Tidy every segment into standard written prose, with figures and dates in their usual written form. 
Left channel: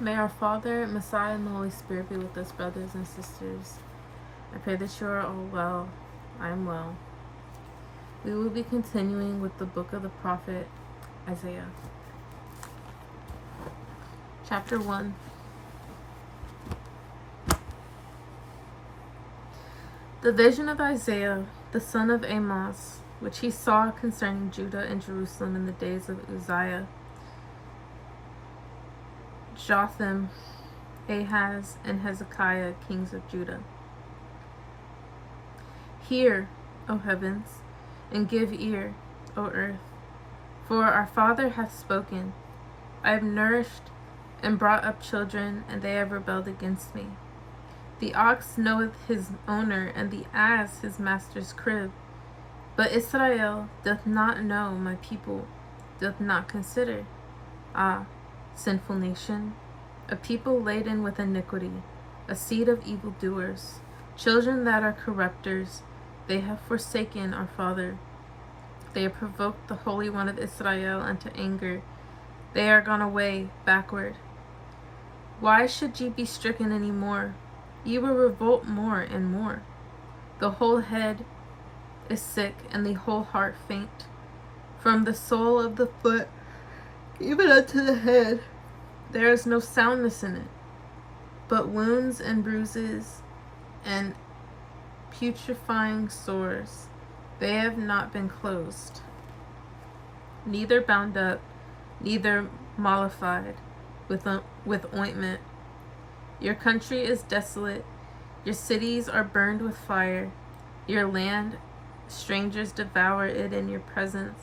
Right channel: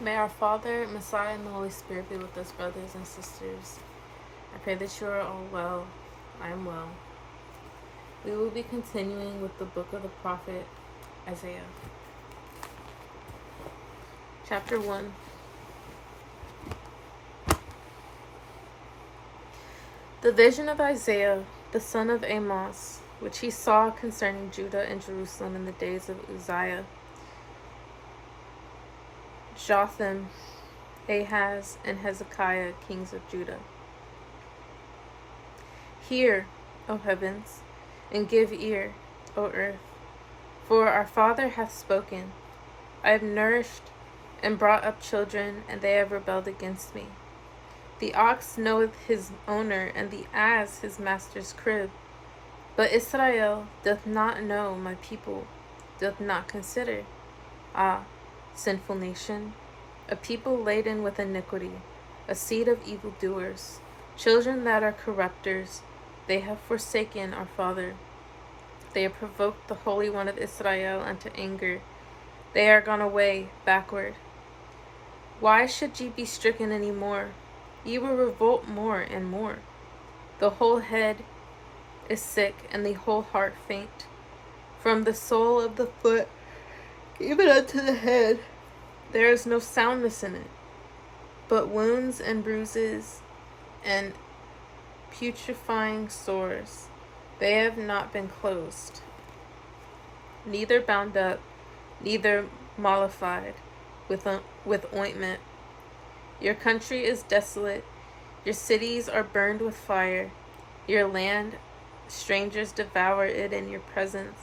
May our Father, Messiah, and the Holy Spirit be with us, brothers and sisters. I pray that you are all well. I am well. We will be continuing with the book of the prophet Isaiah. Chapter 1. The vision of Isaiah, the son of Amos, which he saw concerning Judah and Jerusalem in the days of Uzziah, Jotham, Ahaz, and Hezekiah, kings of Judah. Hear, O heavens, and give ear, O earth, for our Father hath spoken. I have nourished and brought up children, and they have rebelled against me. The ox knoweth his owner, and the ass his master's crib. But Israel doth not know, my people doth not consider. Ah, sinful nation, a people laden with iniquity, a seed of evildoers, children that are corrupters, they have forsaken our Father. They have provoked the Holy One of Israel unto anger. They are gone away backward. Why should ye be stricken any more? Ye will revolt more and more. The whole head is sick, and the whole heart faint. From the sole of the foot even unto the head, there is no soundness in it, but wounds and bruises and putrefying sores. They have not been closed, neither bound up, neither mollified with ointment. Your country is desolate, your cities are burned with fire, your land, strangers devour it in your presence,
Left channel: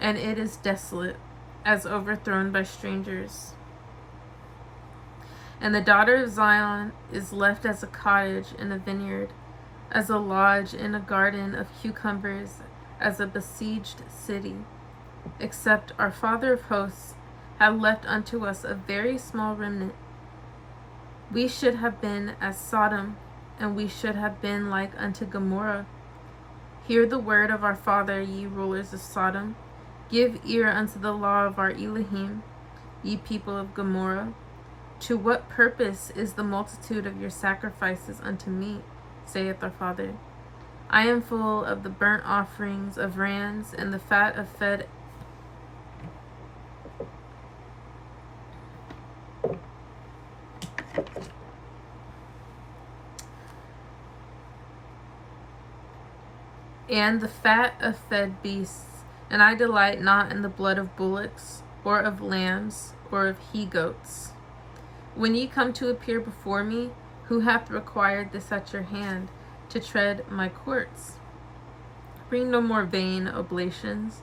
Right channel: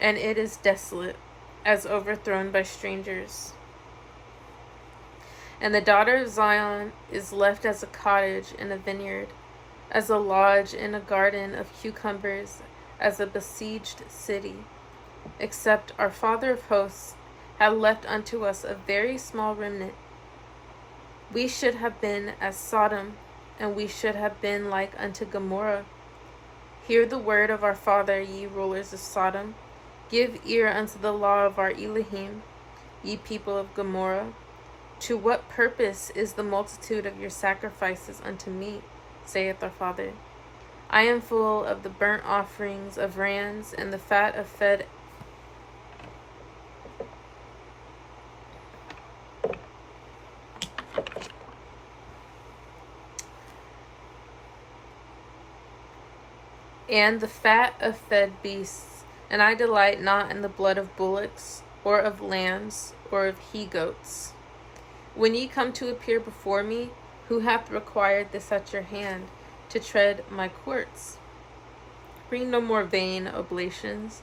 and it is desolate, as overthrown by strangers. And the daughter of Zion is left as a cottage in a vineyard, as a lodge in a garden of cucumbers, as a besieged city. Except our Father of hosts had left unto us a very small remnant. We should have been as Sodom, and we should have been like unto Gomorrah. Hear the word of our Father, ye rulers of Sodom. Give ear unto the law of our Elohim, ye people of Gomorrah. To what purpose is the multitude of your sacrifices unto me, saith our Father? I am full of the burnt offerings of rams and the fat of fed beasts, and I delight not in the blood of bullocks, or of lambs, or of he-goats. When ye come to appear before me, who hath required this at your hand, to tread my courts? Bring no more vain oblations.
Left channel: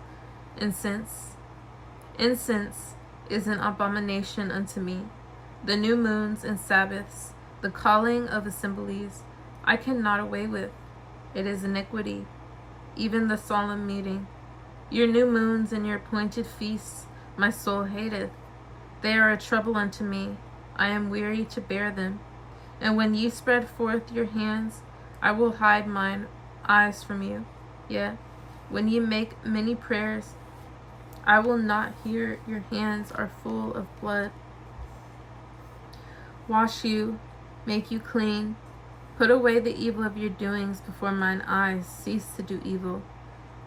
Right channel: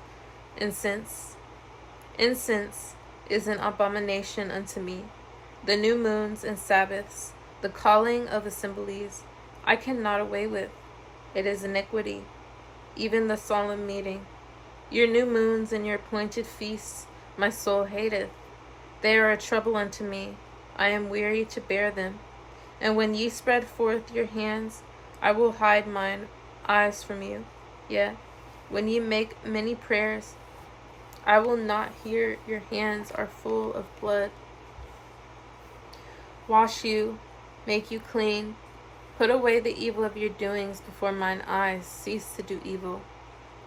Incense is an abomination unto me. The new moons and Sabbaths, the calling of assemblies, I cannot away with. It is iniquity, even the solemn meeting. Your new moons and your appointed feasts my soul hateth. They are a trouble unto me. I am weary to bear them. And when ye spread forth your hands, I will hide mine eyes from you. Yea, when ye make many prayers, I will not hear. Your hands are full of blood. Wash you, make you clean. Put away the evil of your doings before mine eyes. Cease to do evil.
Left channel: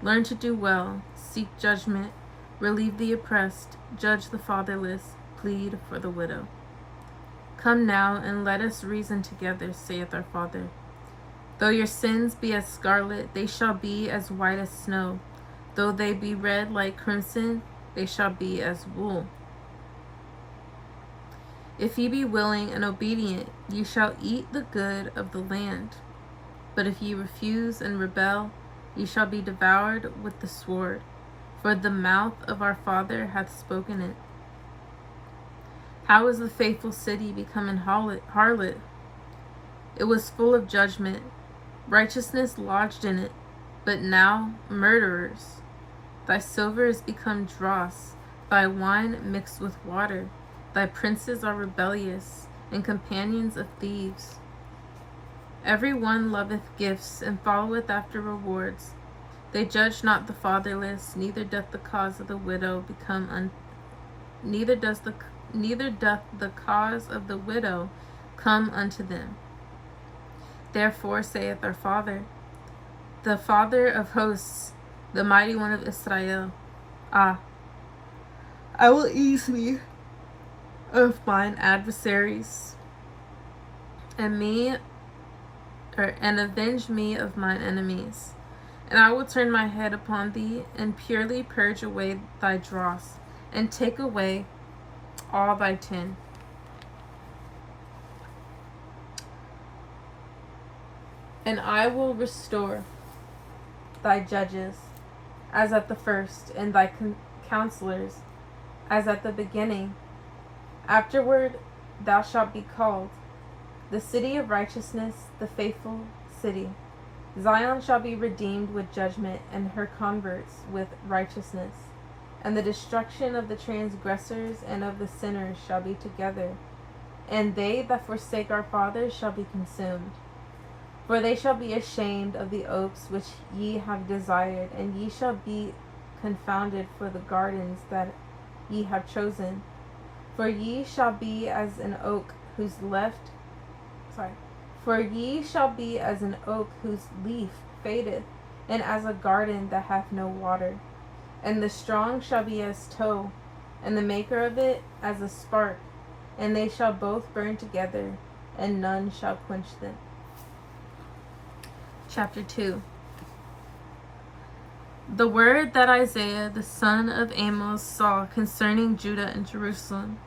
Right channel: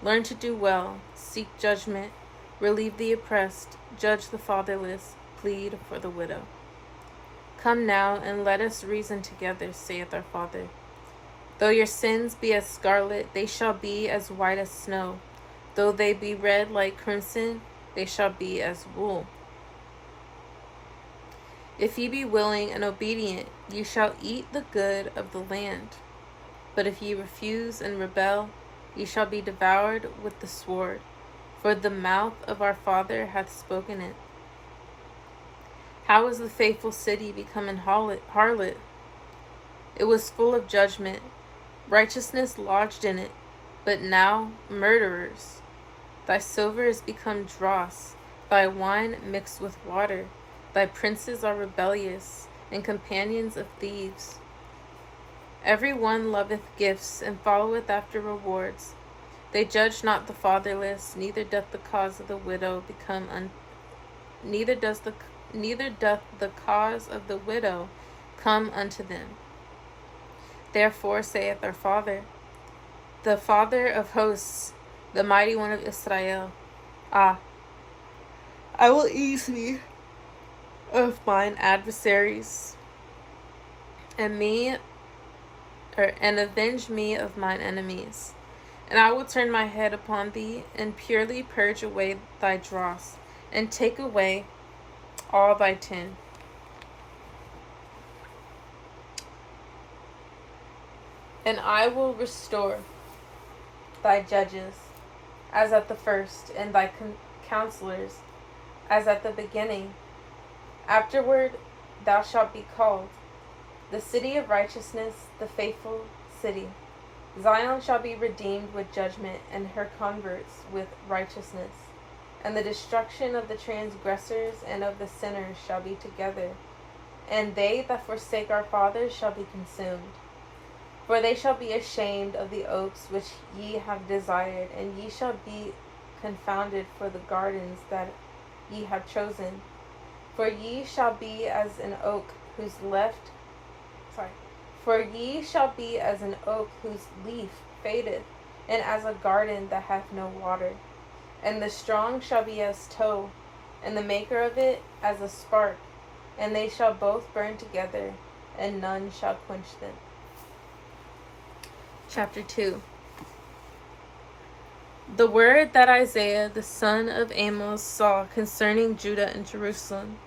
Learn to do well. Seek judgment. Relieve the oppressed. Judge the fatherless. Plead for the widow. Come now, and let us reason together, saith our Father. Though your sins be as scarlet, they shall be as white as snow. Though they be red like crimson, they shall be as wool. If ye be willing and obedient, ye shall eat the good of the land. But if ye refuse and rebel, ye shall be devoured with the sword, for the mouth of our Father hath spoken it. How is the faithful city become an harlot? It was full of judgment. Righteousness lodged in it, but now murderers. Thy silver is become dross, thy wine mixed with water. Thy princes are rebellious, and companions of thieves. Every one loveth gifts, and followeth after rewards. They judge not the fatherless, neither doth the cause of the widow become neither does the neither doth the cause of the widow come unto them. Therefore saith our Father, the Father of hosts, the mighty one of Israel, I will ease me of mine adversaries, and avenge me of mine enemies. And I will turn my head upon thee, and purely purge away thy dross, and take away all thy tin. And I will restore thy judges as at the first, and thy counselors as at the beginning. Afterward thou shalt be called the city of righteousness, the faithful city. Zion shall be redeemed with judgment, and her converts with righteousness. And the destruction of the transgressors and of the sinners shall be together, and they that forsake our fathers shall be consumed. For they shall be ashamed of the oaks which ye have desired, and ye shall be confounded for the gardens that ye have chosen. For ye shall be as an oak whose leaf fadeth, and as a garden that hath no water. And the strong shall be as tow, and the maker of it as a spark, and they shall both burn together, and none shall quench them. Chapter 2. The word that Isaiah the son of Amos saw concerning Judah and Jerusalem.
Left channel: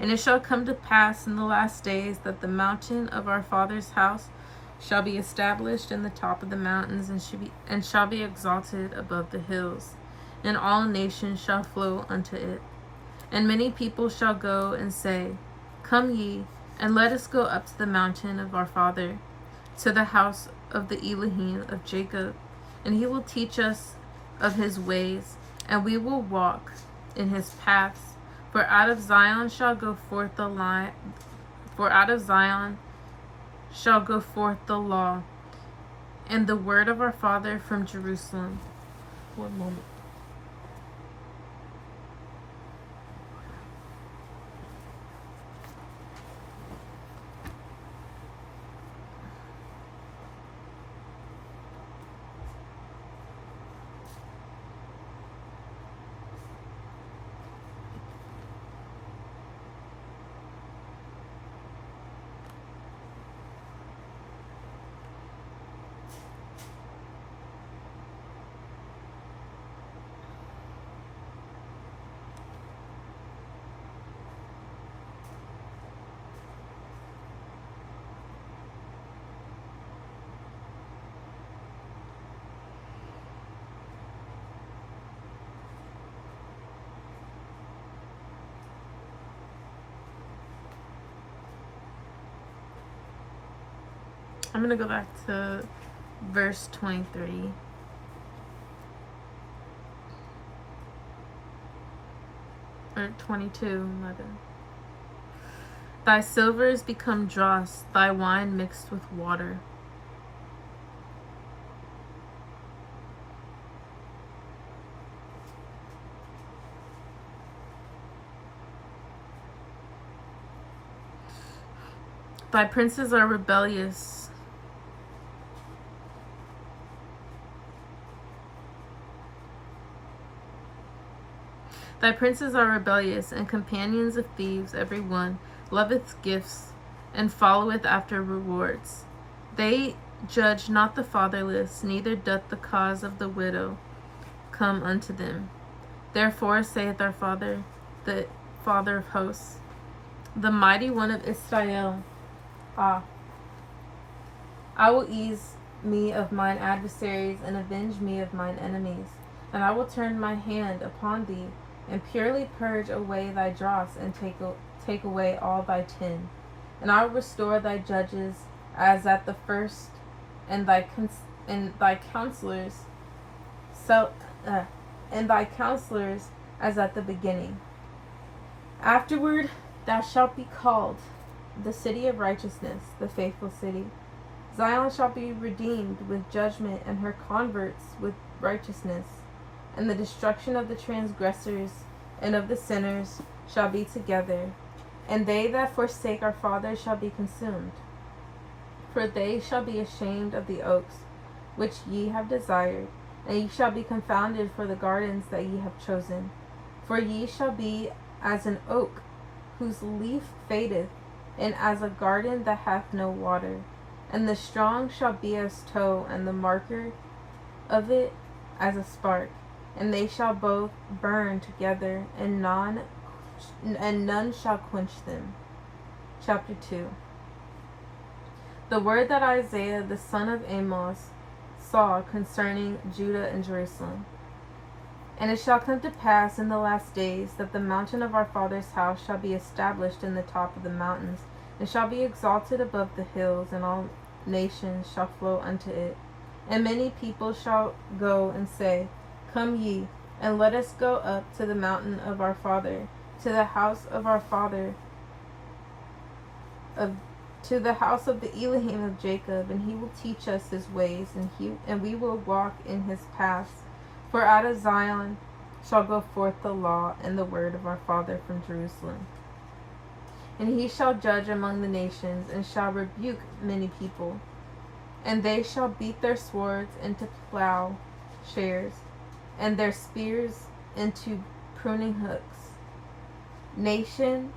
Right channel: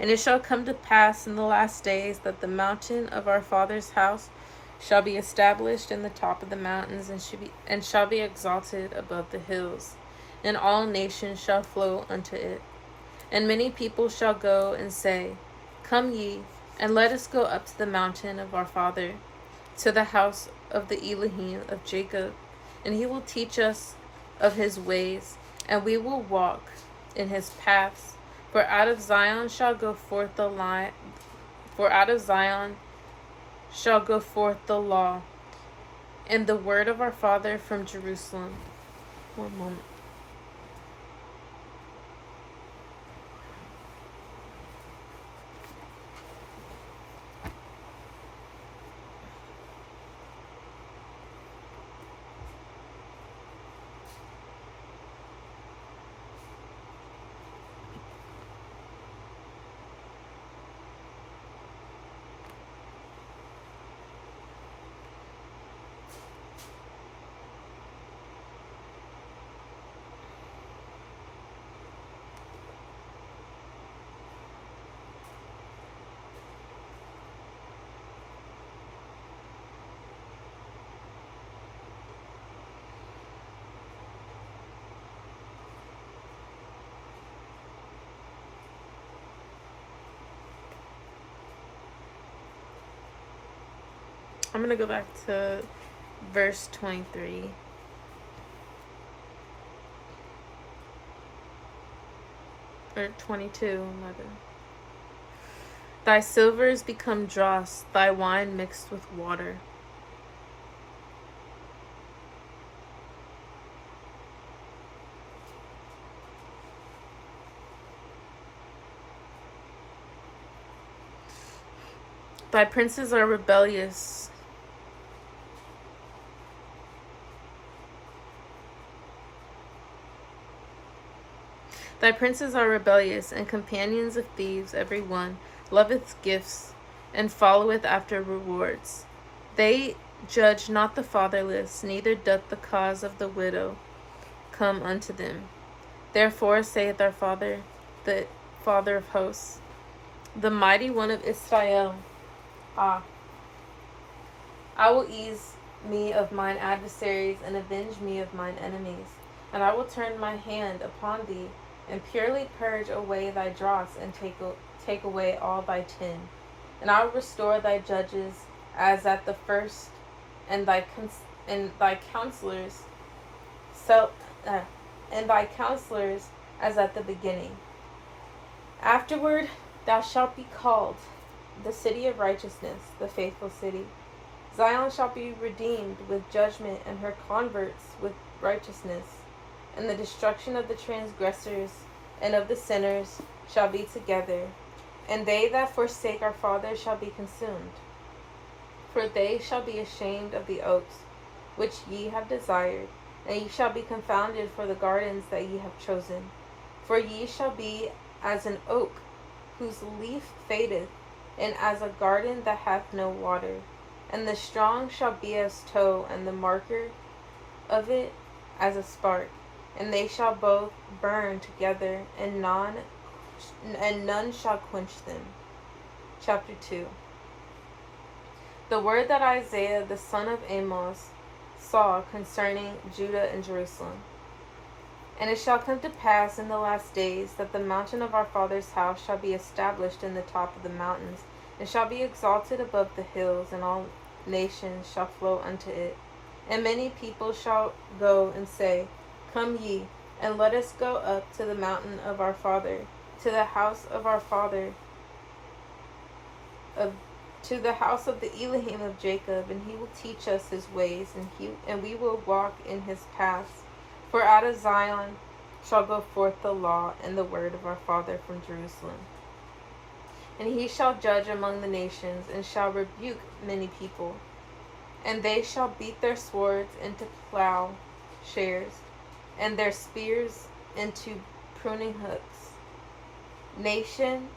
And it shall come to pass in the last days that the mountain of our father's house shall be established in the top of the mountains, and shall be exalted above the hills, and all nations shall flow unto it. And many people shall go and say, Come ye, and let us go up to the mountain of our father, to the house of the Elohim of Jacob, and he will teach us of his ways, and we will walk in his paths. For out of Zion shall go forth the law, and the word of our Father from Jerusalem. One moment. I'm going to go back to verse 23. Or 22, mother. Thy silver is become dross, thy wine mixed with water. Thy princes are rebellious. Thy princes are rebellious, and companions of thieves every one, loveth gifts, and followeth after rewards. They judge not the fatherless, neither doth the cause of the widow come unto them. Therefore saith our Father, the Father of hosts, the mighty one of Israel, I will ease me of mine adversaries, and avenge me of mine enemies. And I will turn my hand upon thee, and purely purge away thy dross, and take away all thy tin. And I will restore thy judges as at the first, and thy counselors as at the beginning. Afterward thou shalt be called the city of righteousness, the faithful city. Zion shall be redeemed with judgment, and her converts with righteousness. And the destruction of the transgressors and of the sinners shall be together, and they that forsake our fathers shall be consumed. For they shall be ashamed of the oaks which ye have desired, and ye shall be confounded for the gardens that ye have chosen. For ye shall be as an oak whose leaf fadeth, and as a garden that hath no water. And the strong shall be as tow, and the marker of it as a spark. And they shall both burn together, and none shall quench them. Chapter 2. The word that Isaiah the son of Amos saw concerning Judah and Jerusalem. And it shall come to pass in the last days that the mountain of our father's house shall be established in the top of the mountains, and shall be exalted above the hills, and all nations shall flow unto it. And many people shall go and say, Come ye, and let us go up to the mountain of our father, to the house of our father, to the house of the Elohim of Jacob, and he will teach us his ways, and we will walk in his paths. For out of Zion shall go forth the law and the word of our father from Jerusalem. And he shall judge among the nations, and shall rebuke many people. And they shall beat their swords into plowshares, and their spears into pruning hooks. Nation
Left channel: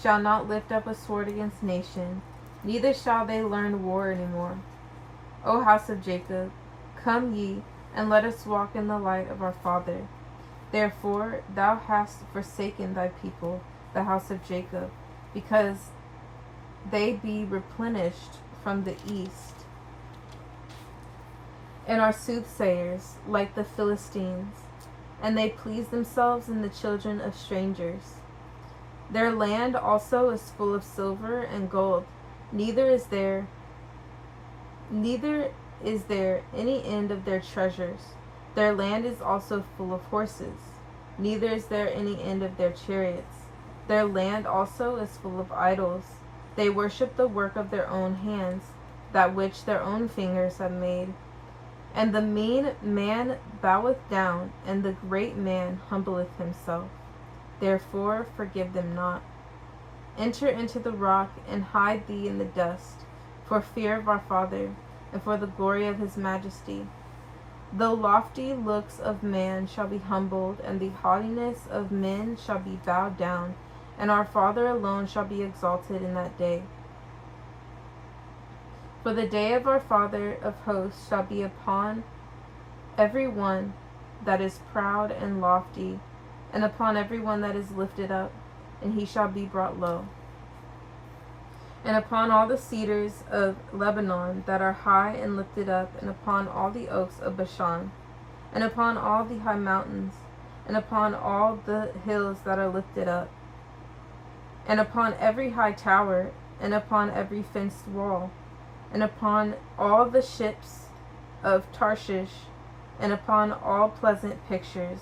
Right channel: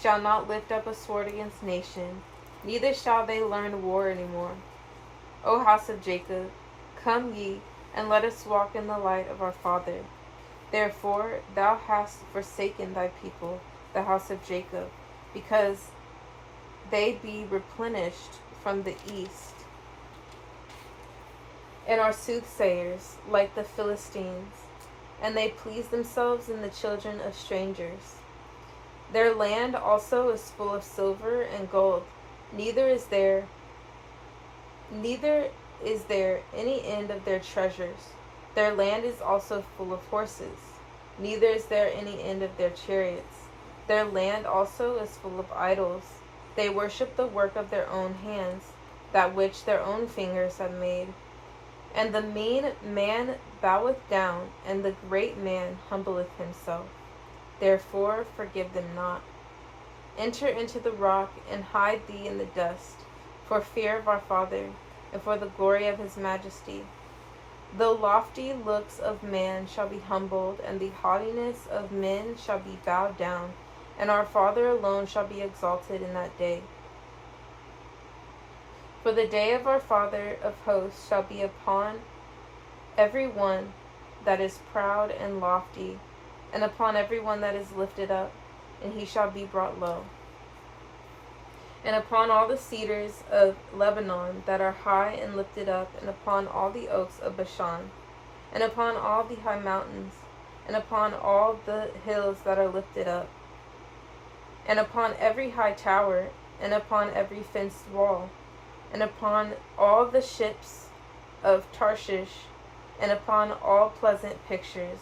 shall not lift up a sword against nation, neither shall they learn war any more. O house of Jacob, come ye, and let us walk in the light of our father. Therefore thou hast forsaken thy people, the house of Jacob, because they be replenished from the east, and are soothsayers like the Philistines, and they please themselves in the children of strangers. Their land also is full of silver and gold, neither is there any end of their treasures. Their land is also full of horses, neither is there any end of their chariots. Their land also is full of idols. They worship the work of their own hands, that which their own fingers have made. And the mean man boweth down, and the great man humbleth himself. Therefore forgive them not. Enter into the rock, and hide thee in the dust, for fear of our Father, and for the glory of his majesty. The lofty looks of man shall be humbled, and the haughtiness of men shall be bowed down, and our Father alone shall be exalted in that day. For the day of our Father of hosts shall be upon every one that is proud and lofty, and upon every one that is lifted up, and he shall be brought low. And upon all the cedars of Lebanon that are high and lifted up, and upon all the oaks of Bashan, and upon all the high mountains, and upon all the hills that are lifted up, and upon every high tower, and upon every fenced wall, and upon all the ships of Tarshish, and upon all pleasant pictures.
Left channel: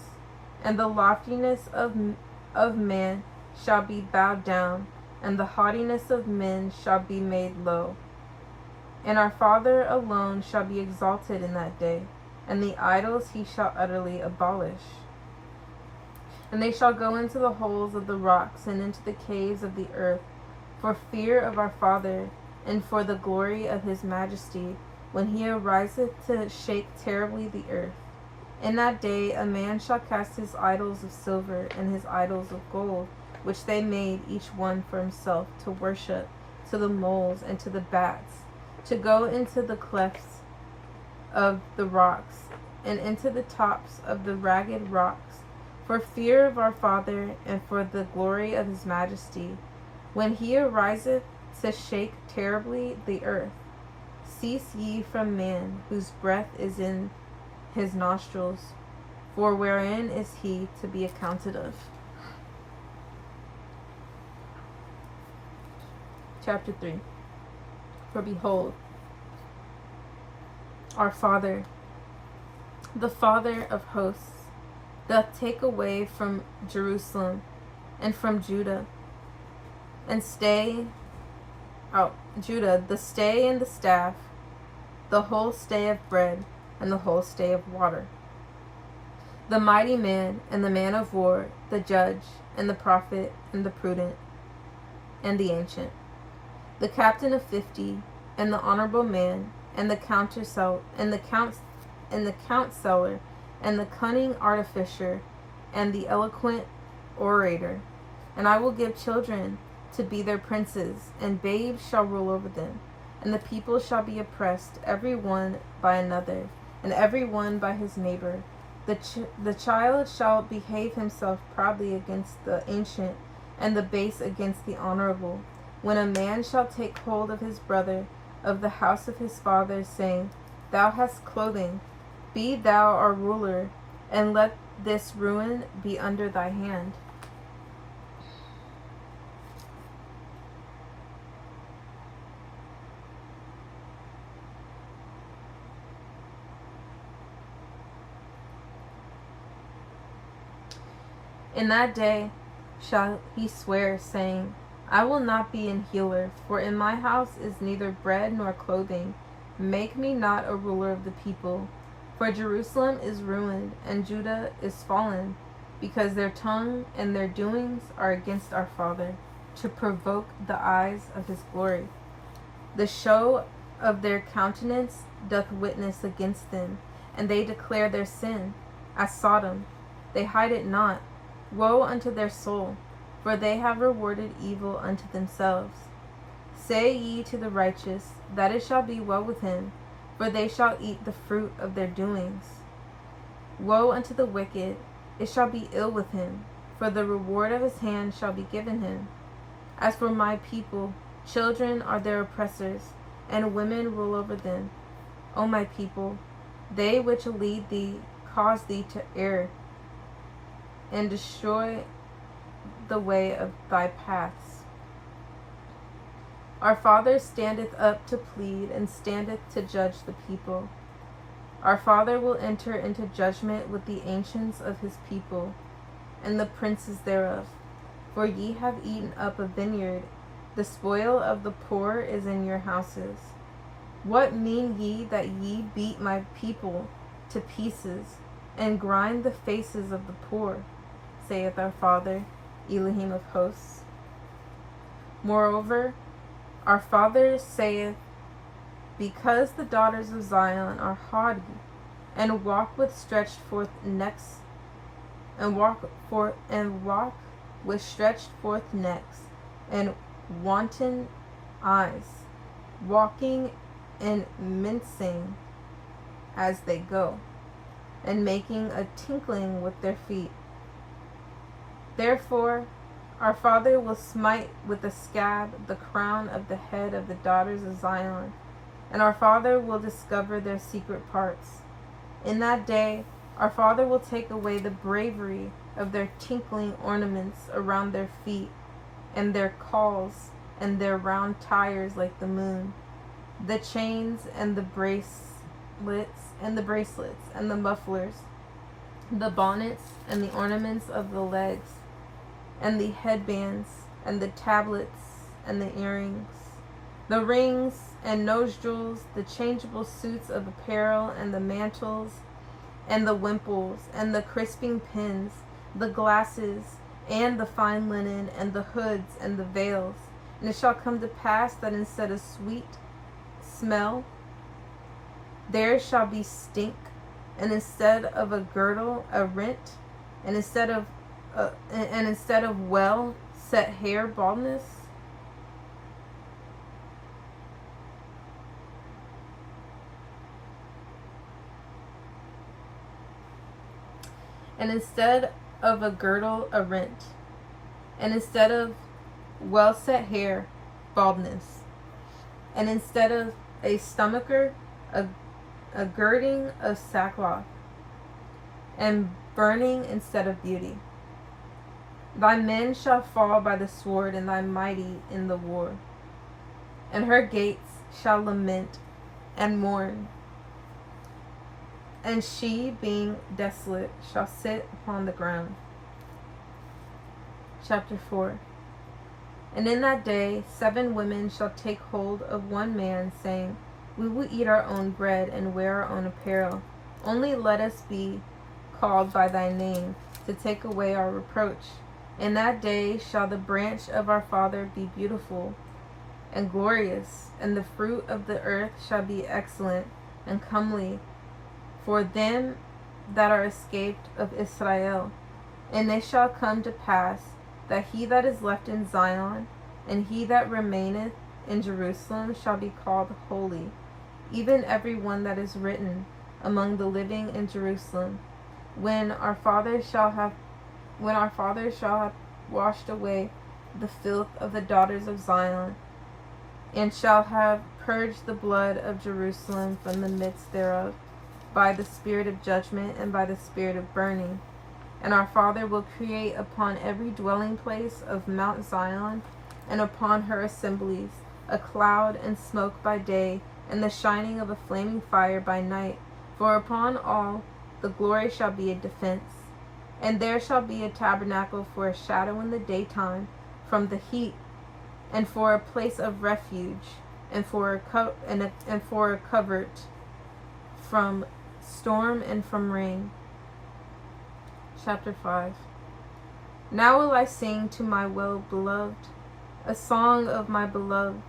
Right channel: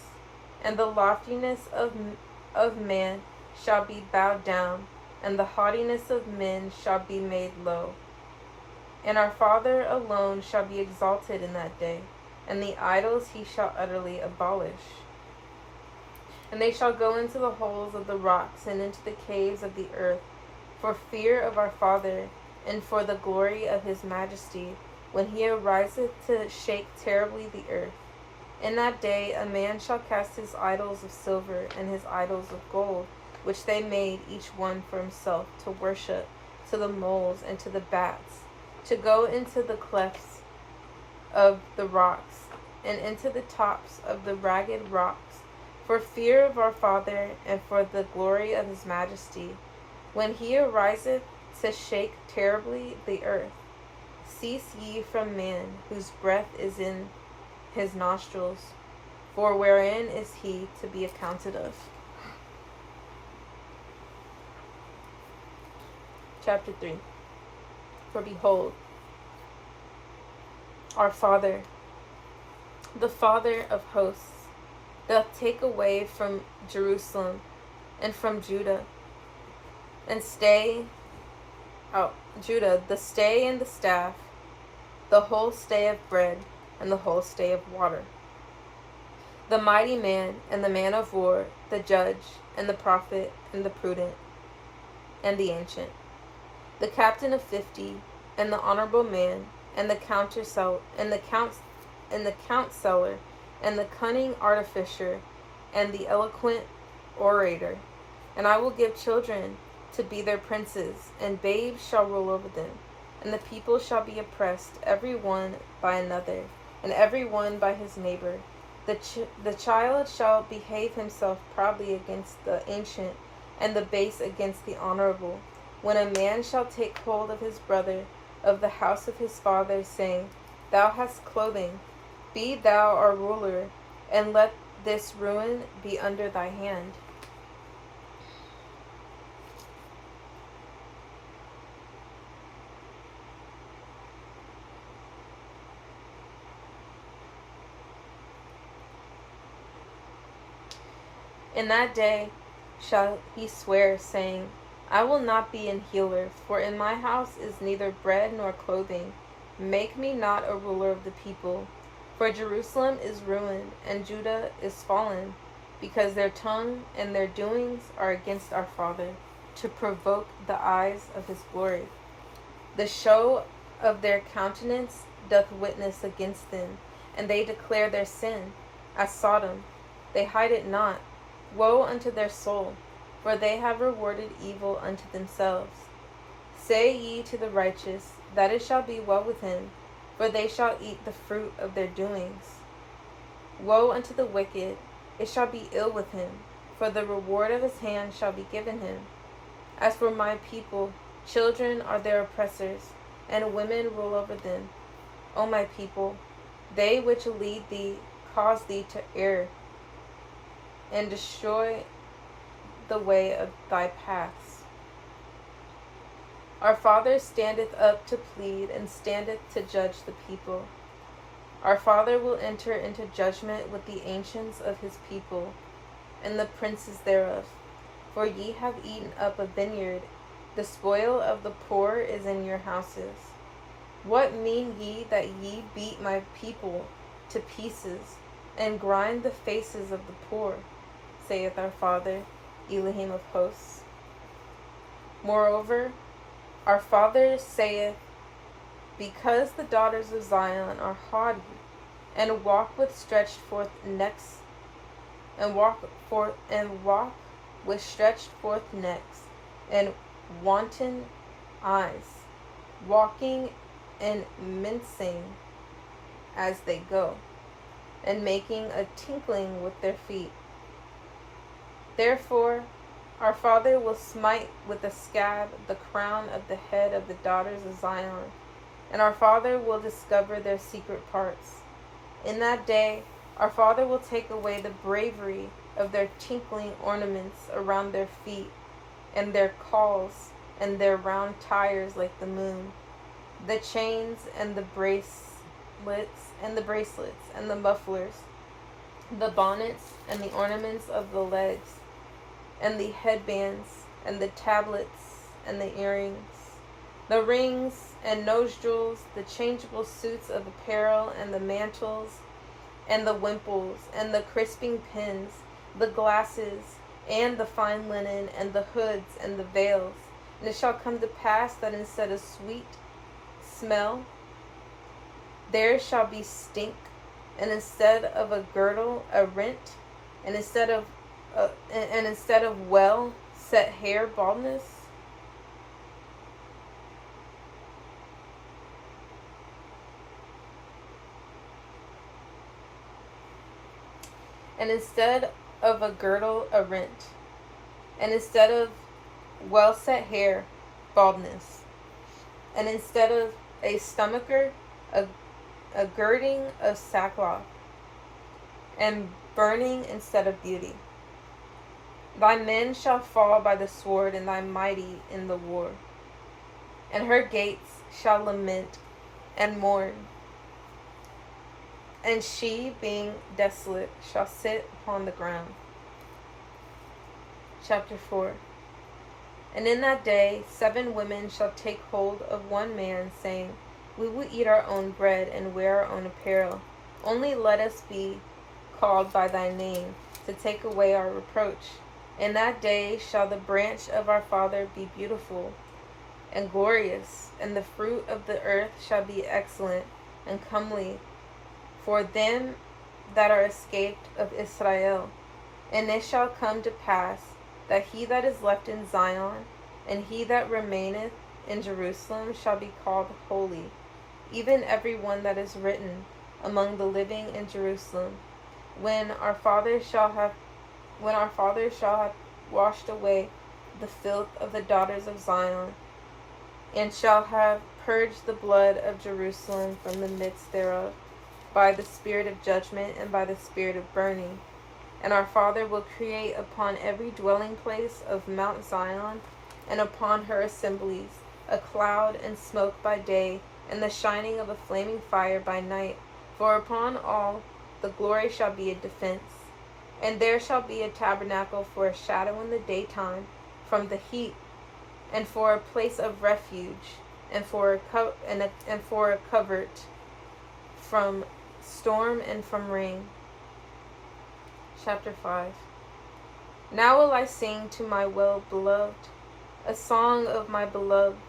And the loftiness of man shall be bowed down, and the haughtiness of men shall be made low. And our Father alone shall be exalted in that day, and the idols he shall utterly abolish. And they shall go into the holes of the rocks, and into the caves of the earth, for fear of our Father, and for the glory of his majesty, when he ariseth to shake terribly the earth. In that day a man shall cast his idols of silver and his idols of gold, which they made each one for himself, to worship, to the moles and to the bats, to go into the clefts of the rocks, and into the tops of the ragged rocks, for fear of our Father, and for the glory of his majesty, when he ariseth to shake terribly the earth. Cease ye from man, whose breath is in his nostrils, for wherein is he to be accounted of? Chapter 3. For behold, our Father, the Father of hosts, doth take away from Jerusalem and from Judah, and Judah, the stay and the staff, the whole stay of bread, and the whole stay of water. the mighty man and the man of war, the judge and the prophet and the prudent and the ancient, the captain of 50 and the honorable man and the counterseller and the countseller and the cunning artificer and the eloquent orator. And I will give children to be their princes, and babes shall rule over them. And the people shall be oppressed, every one by another, and every one by his neighbor. The child shall behave himself proudly against the ancient, and the base against the honorable. When a man shall take hold of his brother of the house of his father, saying, Thou hast clothing, be thou our ruler, and let this ruin be under thy hand. In that day shall he swear, saying, I will not be an healer, for in my house is neither bread nor clothing. Make me not a ruler of the people. For Jerusalem is ruined, and Judah is fallen, because their tongue and their doings are against our Father, to provoke the eyes of his glory. The show of their countenance doth witness against them, and they declare their sin, as Sodom. They hide it not. Woe unto their soul, for they have rewarded evil unto themselves. Say ye to the righteous, that it shall be well with him, for they shall eat the fruit of their doings. Woe unto the wicked, it shall be ill with him, for the reward of his hand shall be given him. As for my people, children are their oppressors, and women rule over them. O my people, they which lead thee cause thee to err, and destroy the way of thy paths. Our Father standeth up to plead, and standeth to judge the people. Our Father will enter into judgment with the ancients of his people, and the princes thereof. For ye have eaten up a vineyard, the spoil of the poor is in your houses. What mean ye that ye beat my people to pieces, and grind the faces of the poor, saith our Father, Elohim of hosts? Moreover, our Father saith, because the daughters of Zion are haughty, and walk with stretched forth necks, and walk with stretched forth necks, and wanton eyes, walking and mincing as they go, and making a tinkling with their feet. Therefore, our Father will smite with a scab the crown of the head of the daughters of Zion, and our Father will discover their secret parts. In that day, our Father will take away the bravery of their tinkling ornaments around their feet, and their cauls, and their round tires like the moon, the chains and the bracelets, and the mufflers, the bonnets and the ornaments of the legs, and the headbands, and the tablets, and the earrings, the rings and nostrils, the changeable suits of apparel, and the mantles, and the wimples, and the crisping pins, the glasses, and the fine linen, and the hoods, and the veils. And it shall come to pass that instead of sweet smell, there shall be stink, and instead of a girdle, a rent, and instead of well set hair, baldness. And instead of a girdle, a rent, and instead of well set hair, baldness, and instead of a stomacher, a girding of sackcloth, and burning instead of beauty. Thy men shall fall by the sword, and thy mighty in the war. And her gates shall lament and mourn. And she, being desolate, shall sit upon the ground. Chapter 4. And in that day 7 women shall take hold of one man, saying, We will eat our own bread, and wear our own apparel. Only let us be called by thy name, to take away our reproach. In that day shall the branch of our Father be beautiful and glorious, and the fruit of the earth shall be excellent and comely for them that are escaped of Israel. And it shall come to pass that he that is left in Zion, and he that remaineth in Jerusalem shall be called holy, even every one that is written among the living in Jerusalem. When our fathers shall have washed away the filth of the daughters of Zion, and shall have purged the blood of Jerusalem from the midst thereof, by the spirit of judgment and by the spirit of burning. And our Father will create upon every dwelling place of Mount Zion, and upon her assemblies, a cloud and smoke by day, and the shining of a flaming fire by night. For upon all the glory shall be a defense. And there shall be a tabernacle for a shadow in the daytime from the heat, and for a place of refuge, and for a covert from storm and from rain. Chapter 5. Now will I sing to my well-beloved a song of my beloved,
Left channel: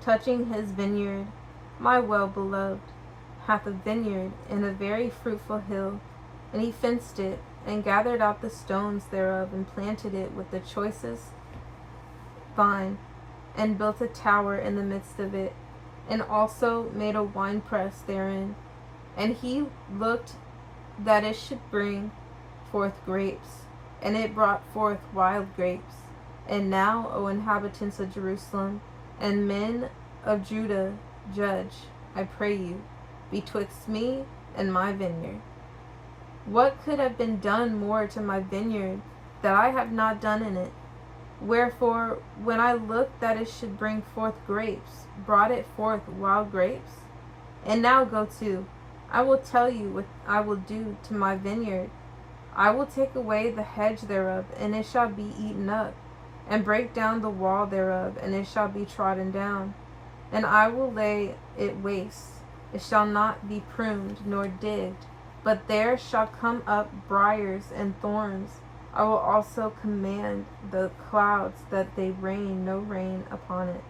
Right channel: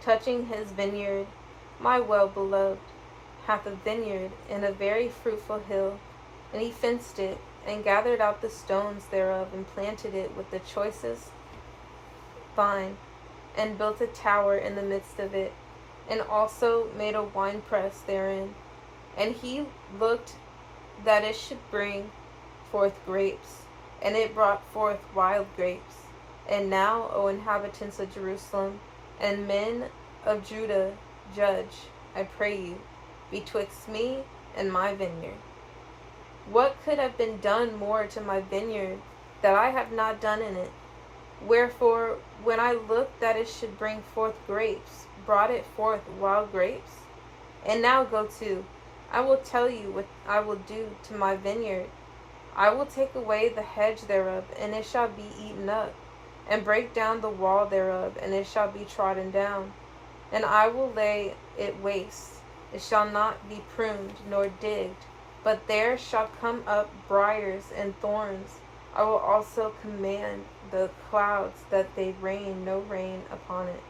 touching his vineyard. My well-beloved hath a vineyard in a very fruitful hill, and he fenced it, and gathered out the stones thereof, and planted it with the choicest vine, and built a tower in the midst of it, and also made a winepress therein. And he looked that it should bring forth grapes, and it brought forth wild grapes. And now, O inhabitants of Jerusalem, and men of Judah, judge, I pray you, betwixt me and my vineyard. What could have been done more to my vineyard that I have not done in it? Wherefore, when I looked that it should bring forth grapes, brought it forth wild grapes? And now go to, I will tell you what I will do to my vineyard. I will take away the hedge thereof, and it shall be eaten up, and break down the wall thereof, and it shall be trodden down. And I will lay it waste. It shall not be pruned nor digged, but there shall come up briars and thorns. I will also command the clouds that they rain no rain upon it.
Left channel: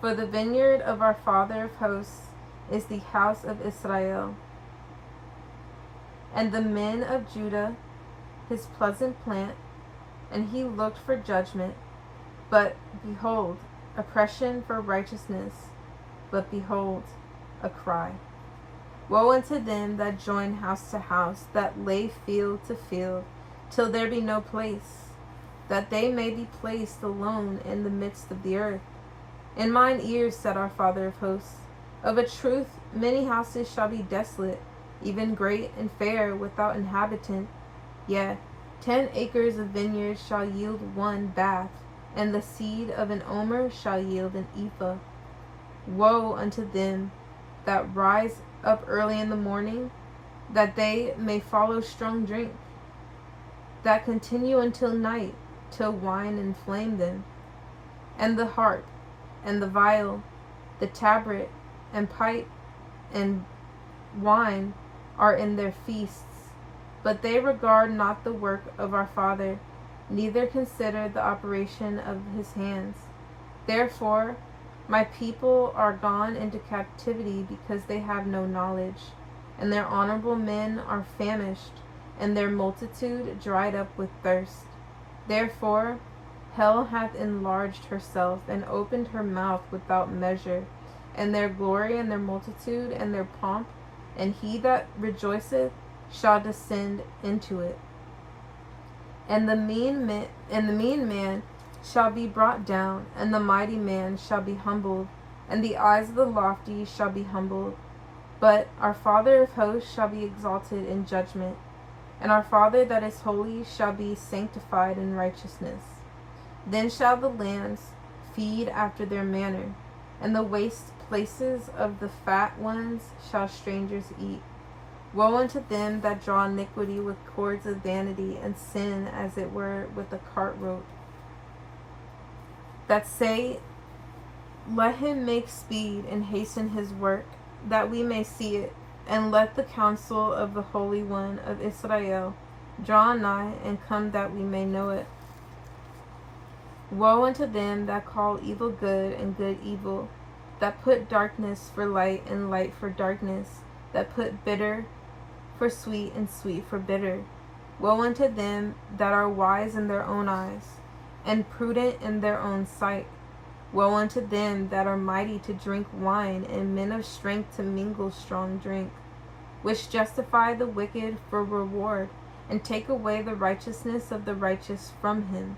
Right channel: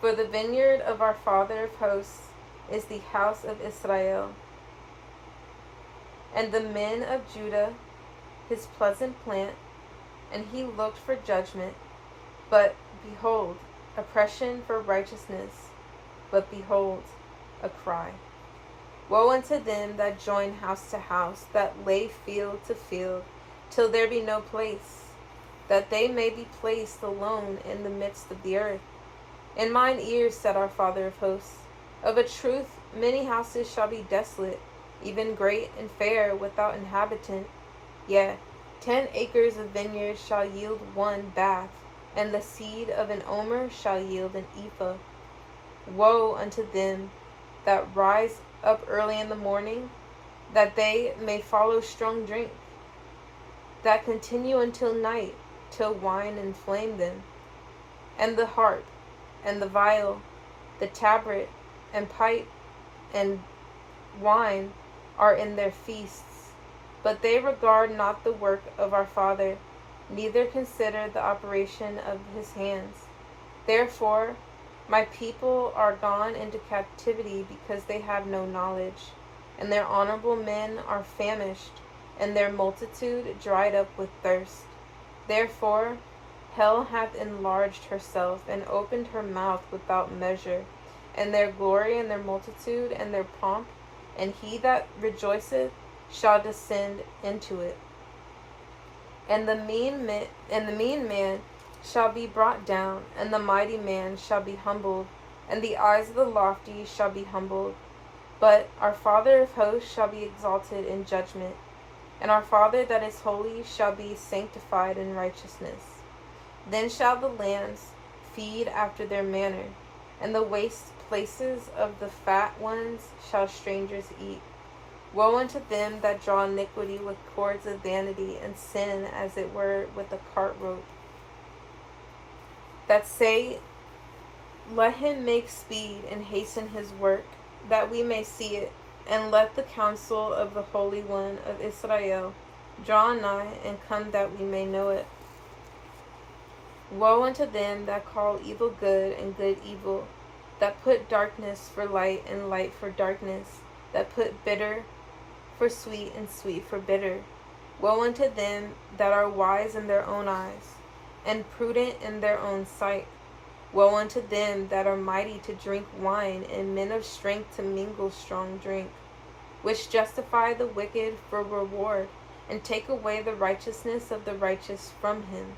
For the vineyard of our Father of hosts is the house of Israel, and the men of Judah his pleasant plant, and he looked for judgment, but behold, oppression for righteousness, but behold, a cry. Woe unto them that join house to house, that lay field to field, till there be no place, that they may be placed alone in the midst of the earth. In mine ears, said our Father of hosts, of a truth many houses shall be desolate, even great and fair, without inhabitant. Yea, 10 acres of vineyard shall yield one bath, and the seed of an omer shall yield an ephah. Woe unto them that rise up early in the morning, that they may follow strong drink, that continue until night, till wine inflame them. And the harp, and the viol, the tabret, and pipe, and wine are in their feasts. But they regard not the work of our Father, neither consider the operation of his hands. Therefore, my people are gone into captivity, because they have no knowledge, and their honorable men are famished, and their multitude dried up with thirst. Therefore, hell hath enlarged herself, and opened her mouth without measure, and their glory, and their multitude, and their pomp, and he that rejoiceth shall descend into it. And the mean man shall be brought down, and the mighty man shall be humbled, and the eyes of the lofty shall be humbled. But our Father of hosts shall be exalted in judgment, and our Father that is holy shall be sanctified in righteousness. Then shall the lands feed after their manner, and the waste places of the fat ones shall strangers eat. Woe unto them that draw iniquity with cords of vanity, and sin as it were with a cart rope, that say, let him make speed and hasten his work, that we may see it. And let the counsel of the Holy One of Israel draw nigh, and come that we may know it. Woe unto them that call evil good, and good evil, that put darkness for light, and light for darkness, that put bitter for sweet, and sweet for bitter. Woe unto them that are wise in their own eyes, and prudent in their own sight. Woe unto them that are mighty to drink wine, and men of strength to mingle strong drink, which justify the wicked for reward, and take away the righteousness of the righteous from him.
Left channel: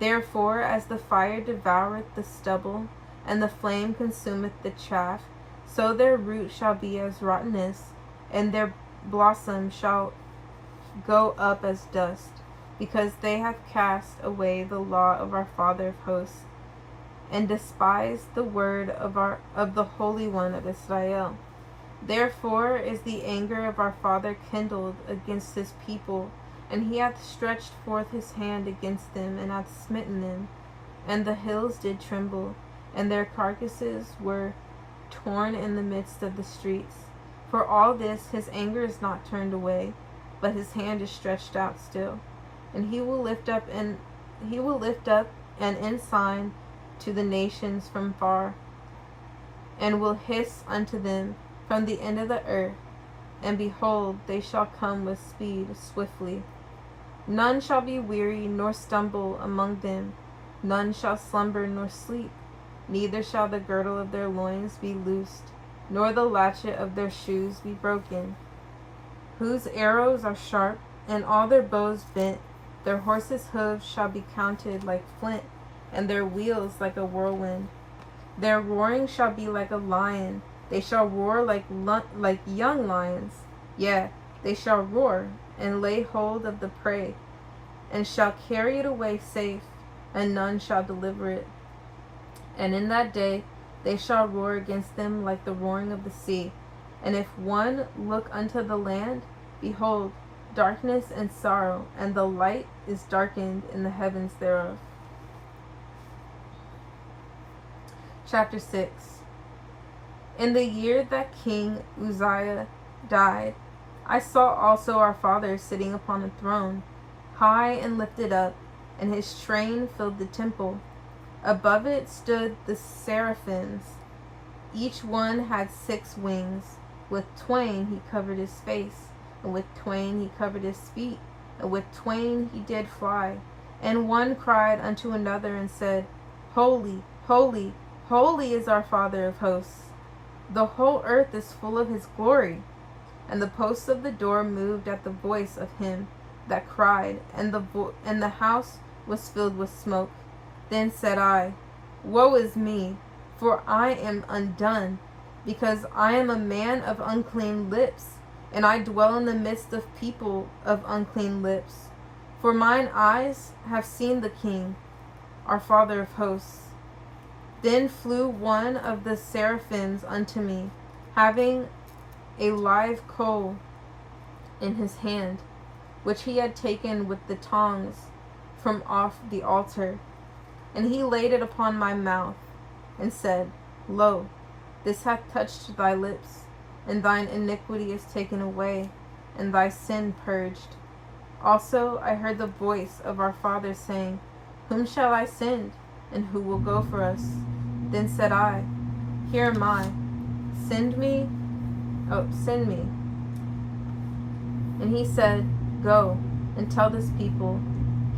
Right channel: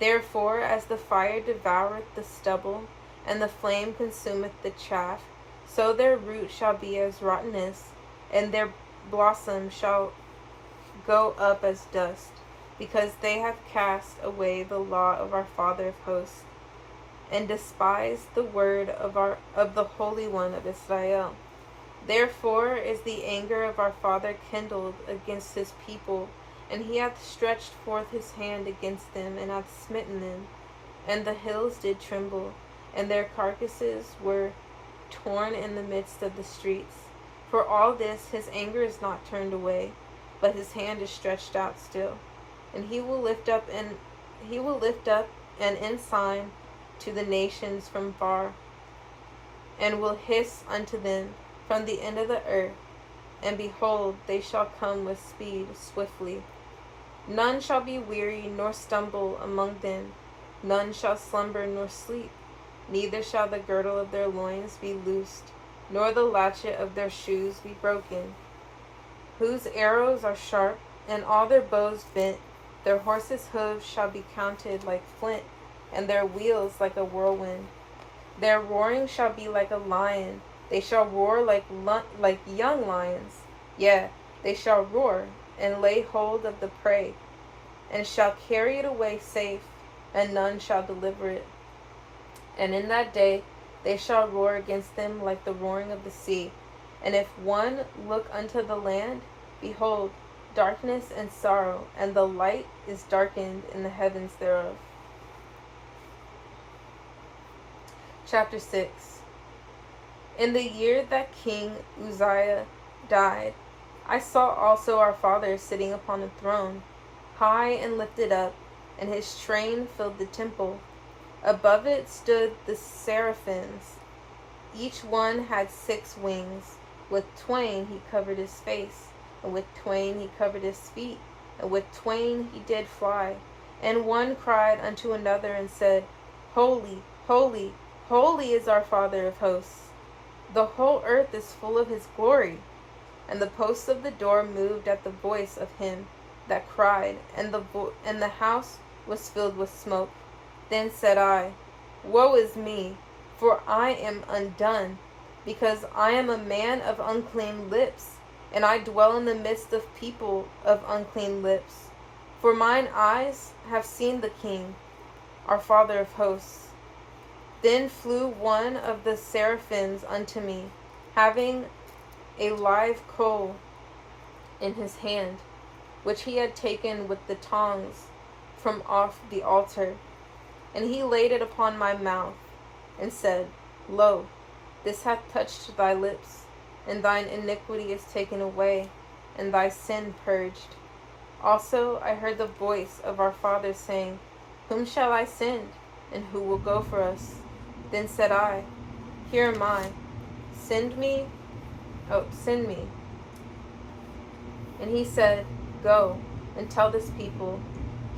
Therefore, as the fire devoureth the stubble, and the flame consumeth the chaff, so their root shall be as rottenness, and their blossom shall go up as dust, because they have cast away the law of our Father of hosts, and despised the word of the Holy One of Israel. Therefore is the anger of our Father kindled against his people, and he hath stretched forth his hand against them, and hath smitten them. And the hills did tremble, and their carcasses were torn in the midst of the streets. For all this his anger is not turned away, but his hand is stretched out still. And he will lift up an ensign to the nations from far, and will hiss unto them from the end of the earth. And behold, they shall come with speed swiftly. None shall be weary nor stumble among them. None shall slumber nor sleep. Neither shall the girdle of their loins be loosed, nor the latchet of their shoes be broken. Whose arrows are sharp, and all their bows bent. Their horses' hooves shall be counted like flint, and their wheels like a whirlwind. Their roaring shall be like a lion. They shall roar like young lions. Yea, they shall roar, and lay hold of the prey, and shall carry it away safe, and none shall deliver it. And in that day they shall roar against them like the roaring of the sea. And if one look unto the land, behold, darkness and sorrow, and the light is darkened in the heavens thereof. Chapter 6. In the year that King Uzziah died, I saw also our Father sitting upon a throne, high and lifted up, and his train filled the temple. Above it stood the seraphims. Each one had 6 wings. With twain he covered his face, and with twain he covered his feet, and with twain he did fly. And one cried unto another and said, Holy, holy, holy is our Father of hosts. The whole earth is full of his glory. And the posts of the door moved at the voice of him that cried, and the house was filled with smoke. Then said I, Woe is me, for I am undone, because I am a man of unclean lips, and I dwell in the midst of people of unclean lips. For mine eyes have seen the King, our Father of hosts. Then flew one of the seraphims unto me, having a live coal in his hand, which he had taken with the tongs from off the altar. And he laid it upon my mouth, and said, Lo, this hath touched thy lips, and thine iniquity is taken away, and thy sin purged. Also I heard the voice of our Father saying, Whom shall I send, and who will go for us? Then said I, Here am I, send me. And he said, Go, and tell this people,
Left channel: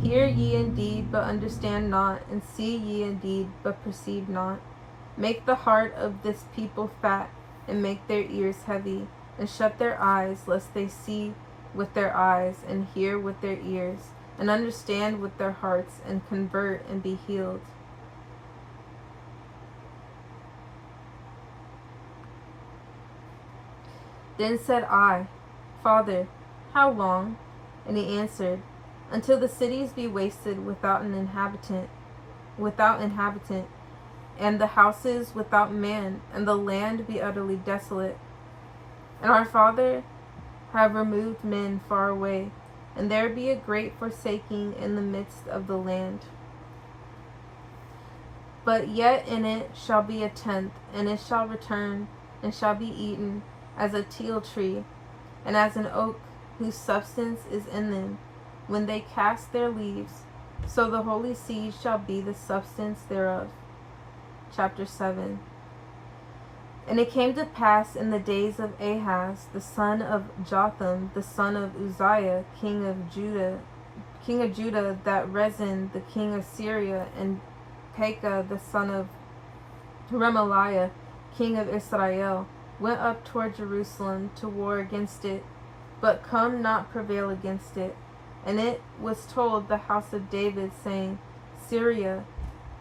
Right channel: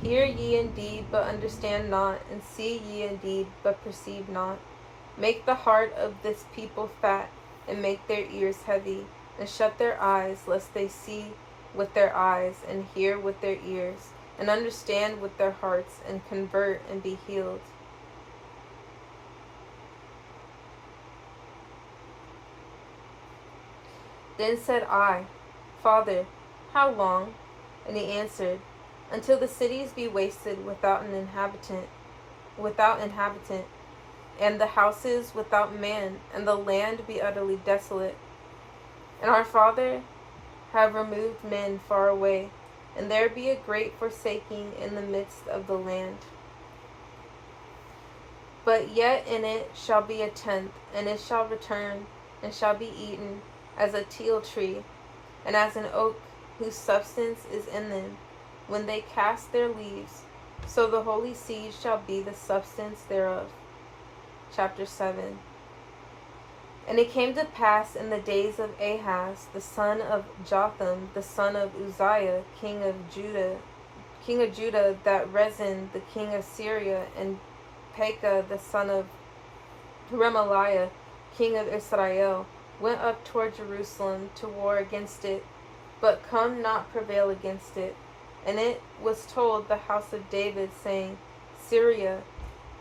Hear ye indeed, but understand not, and see ye indeed, but perceive not. Make the heart of this people fat, and make their ears heavy, and shut their eyes, lest they see with their eyes, and hear with their ears, and understand with their hearts, and convert, and be healed. Then said I, Father, how long? And he answered, Until the cities be wasted without inhabitant, and the houses without man, and the land be utterly desolate. And our Father have removed men far away, and there be a great forsaking in the midst of the land. But yet in it shall be a tenth, and it shall return, and shall be eaten, as a teil tree, and as an oak whose substance is in them, when they cast their leaves. So the holy seed shall be the substance thereof. Chapter 7. And it came to pass in the days of Ahaz, the son of Jotham, the son of Uzziah, king of Judah, that Rezin, the king of Syria, and Pekah, the son of Remaliah, king of Israel, went up toward Jerusalem to war against it, but come not prevail against it. And it was told the house of David, saying, Syria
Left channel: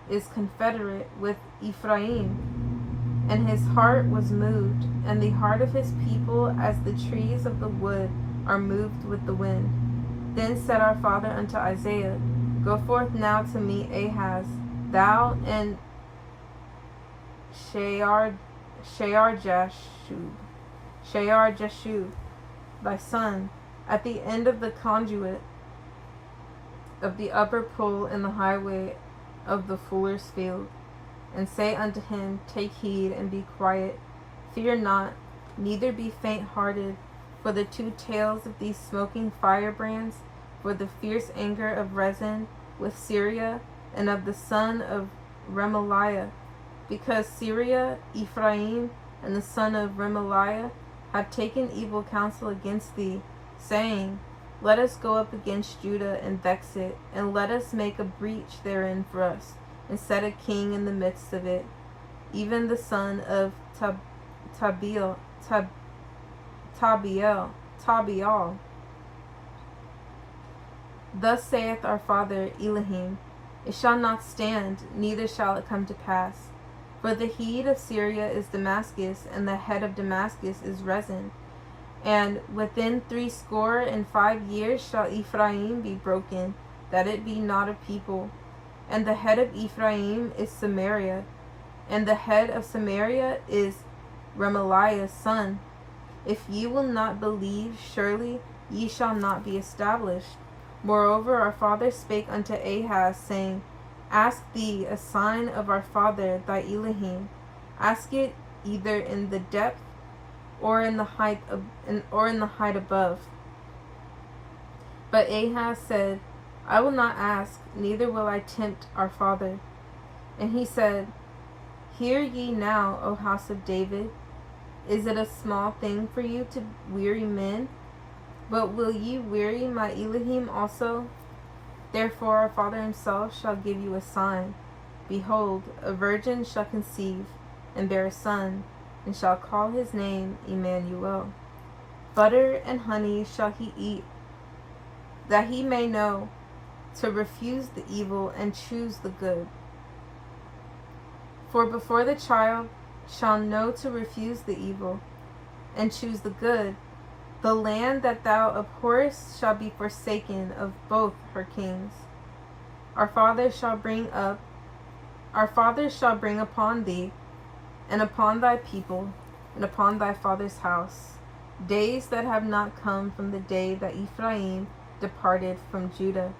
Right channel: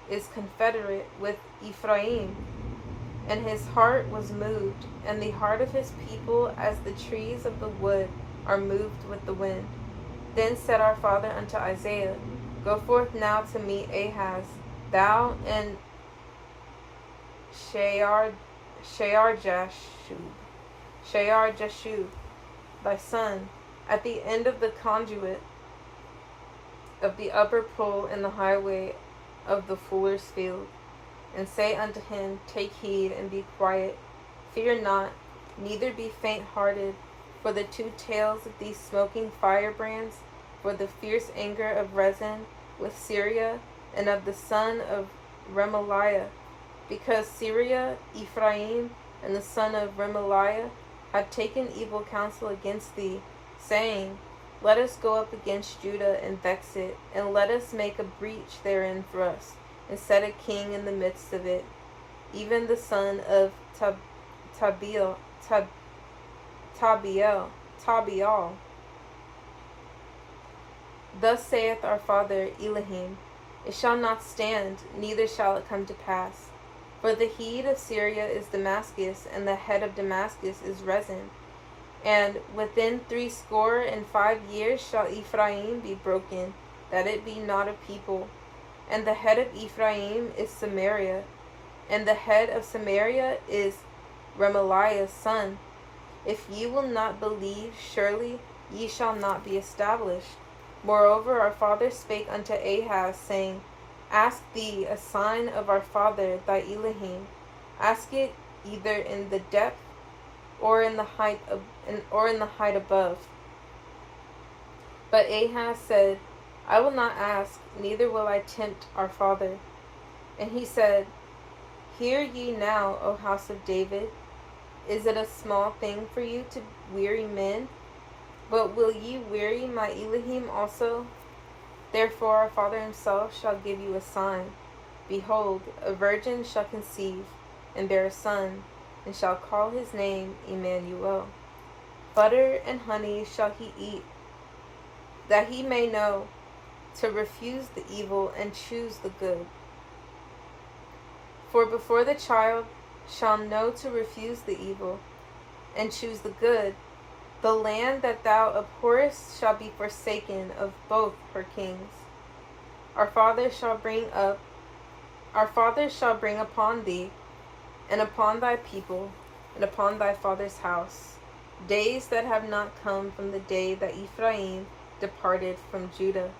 is confederate with Ephraim. And his heart was moved, and the heart of his people as the trees of the wood are moved with the wind. Then said our father unto Isaiah, Go forth now to meet Ahaz, thou and Shear-Jashub, thy son, at the end of the conduit of the upper pool in the highway of the fuller's field, and say unto him, Take heed and be quiet, fear not, neither be faint-hearted, for the two tails of these smoking firebrands, for the fierce anger of Rezin with Syria, and of the son of Remaliah, because Syria, Ephraim, and the son of Remaliah have taken evil counsel against thee, saying, Let us go up against Judah and vex it, and let us make a breach therein for us, and set a king in the midst of it, even the son of Tabial. Thus saith our father Elohim, It shall not stand, neither shall it come to pass. For the head of Syria is Damascus, and the head of Damascus is Rezin. And within 65 years shall Ephraim be broken, that it be not a people. And the head of Ephraim is Samaria, and the head of Samaria is Remaliah's son. If ye will not believe, surely ye shall not be established. Moreover, our father spake unto Ahaz, saying, Ask thee a sign of our father thy Elohim. Ask it either in the depth or in the height above. But Ahaz said, I will not ask, neither will I tempt our father. And he said, Hear ye now, O house of David. Is it a small thing for you to weary men? But will ye weary my Elohim also? Therefore our father himself shall give you a sign. Behold, a virgin shall conceive, and bear a son, and shall call his name Emmanuel. Butter and honey shall he eat, that he may know to refuse the evil and choose the good. For before the child shall know to refuse the evil and choose the good, the land that thou abhorrest shall be forsaken of both her kings. Our fathers shall bring upon thee, and upon thy people, and upon thy father's house, days that have not come from the day that Ephraim departed from Judah.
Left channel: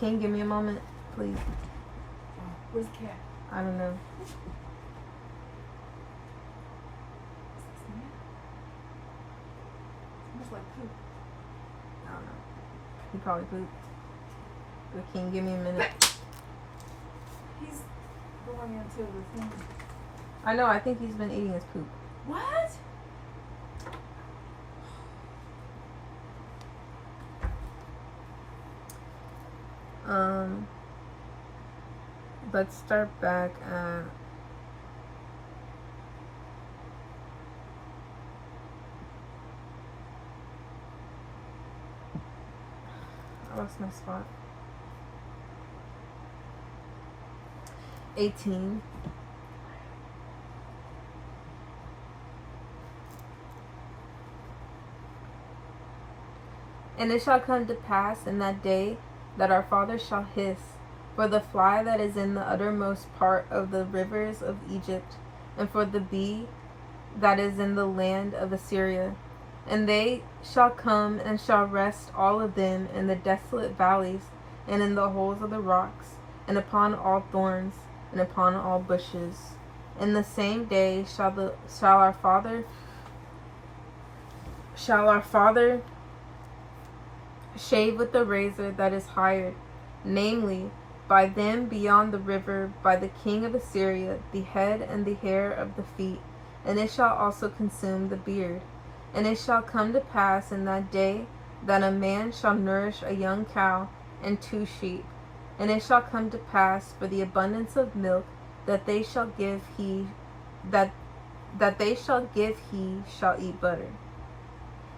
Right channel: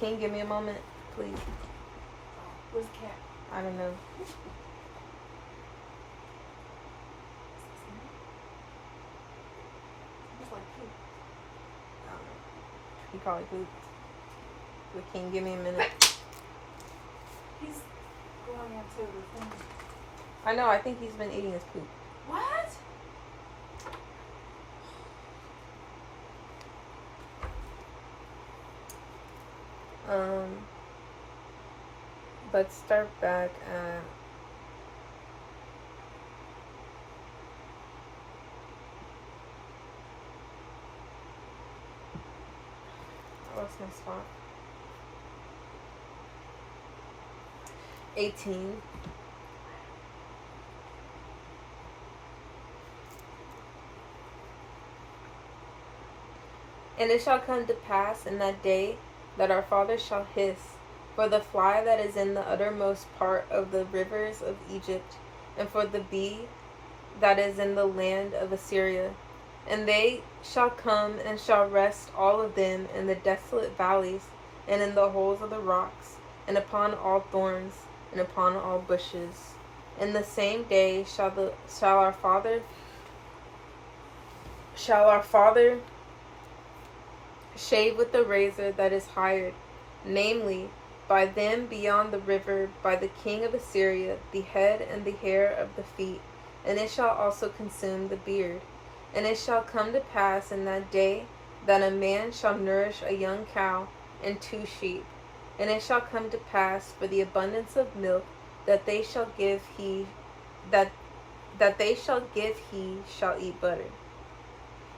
Can you give me a moment, please? Where's the cat? I don't know. I don't know. He probably pooped. But can you give me a minute? He's on the outside of the thing. I know, I think he's been eating his poop. What? Let's start back at I lost my spot. 18. And it shall come to pass in that day that our father shall hiss for the fly that is in the uttermost part of the rivers of Egypt, and for the bee that is in the land of Assyria. And they shall come and shall rest all of them in the desolate valleys, and in the holes of the rocks, and upon all thorns, and upon all bushes, In the same day shall our father shave with the razor that is hired, namely, by them beyond the river, by the king of Assyria, the head and the hair of the feet, and it shall also consume the beard. And it shall come to pass in that day that a man shall nourish a young cow and 2 sheep. And it shall come to pass for the abundance of milk that they shall give he shall eat butter.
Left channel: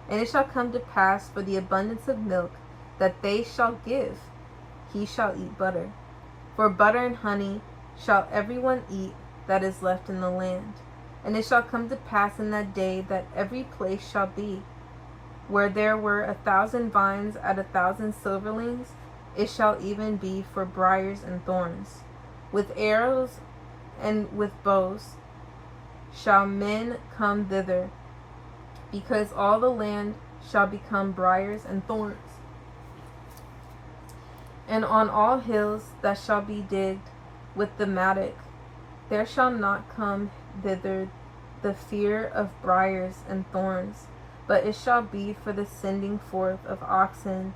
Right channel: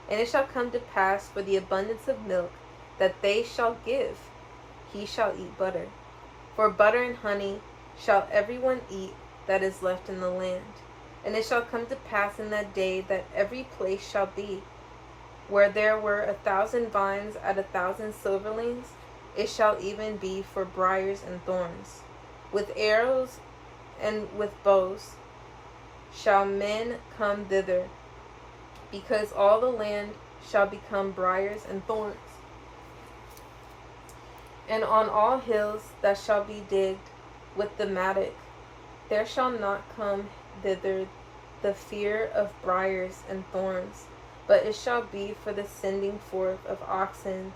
And it shall come to pass for the abundance of milk that they shall give he shall eat butter. For butter and honey shall everyone eat that is left in the land. And it shall come to pass in that day that every place shall be, where there were 1,000 vines at 1,000 silverlings, it shall even be for briars and thorns. With arrows and with bows shall men come thither, because all the land shall become briars and thorns. And on all hills that shall be digged with the mattock, there shall not come thither the fear of briars and thorns, but it shall be for the sending forth of oxen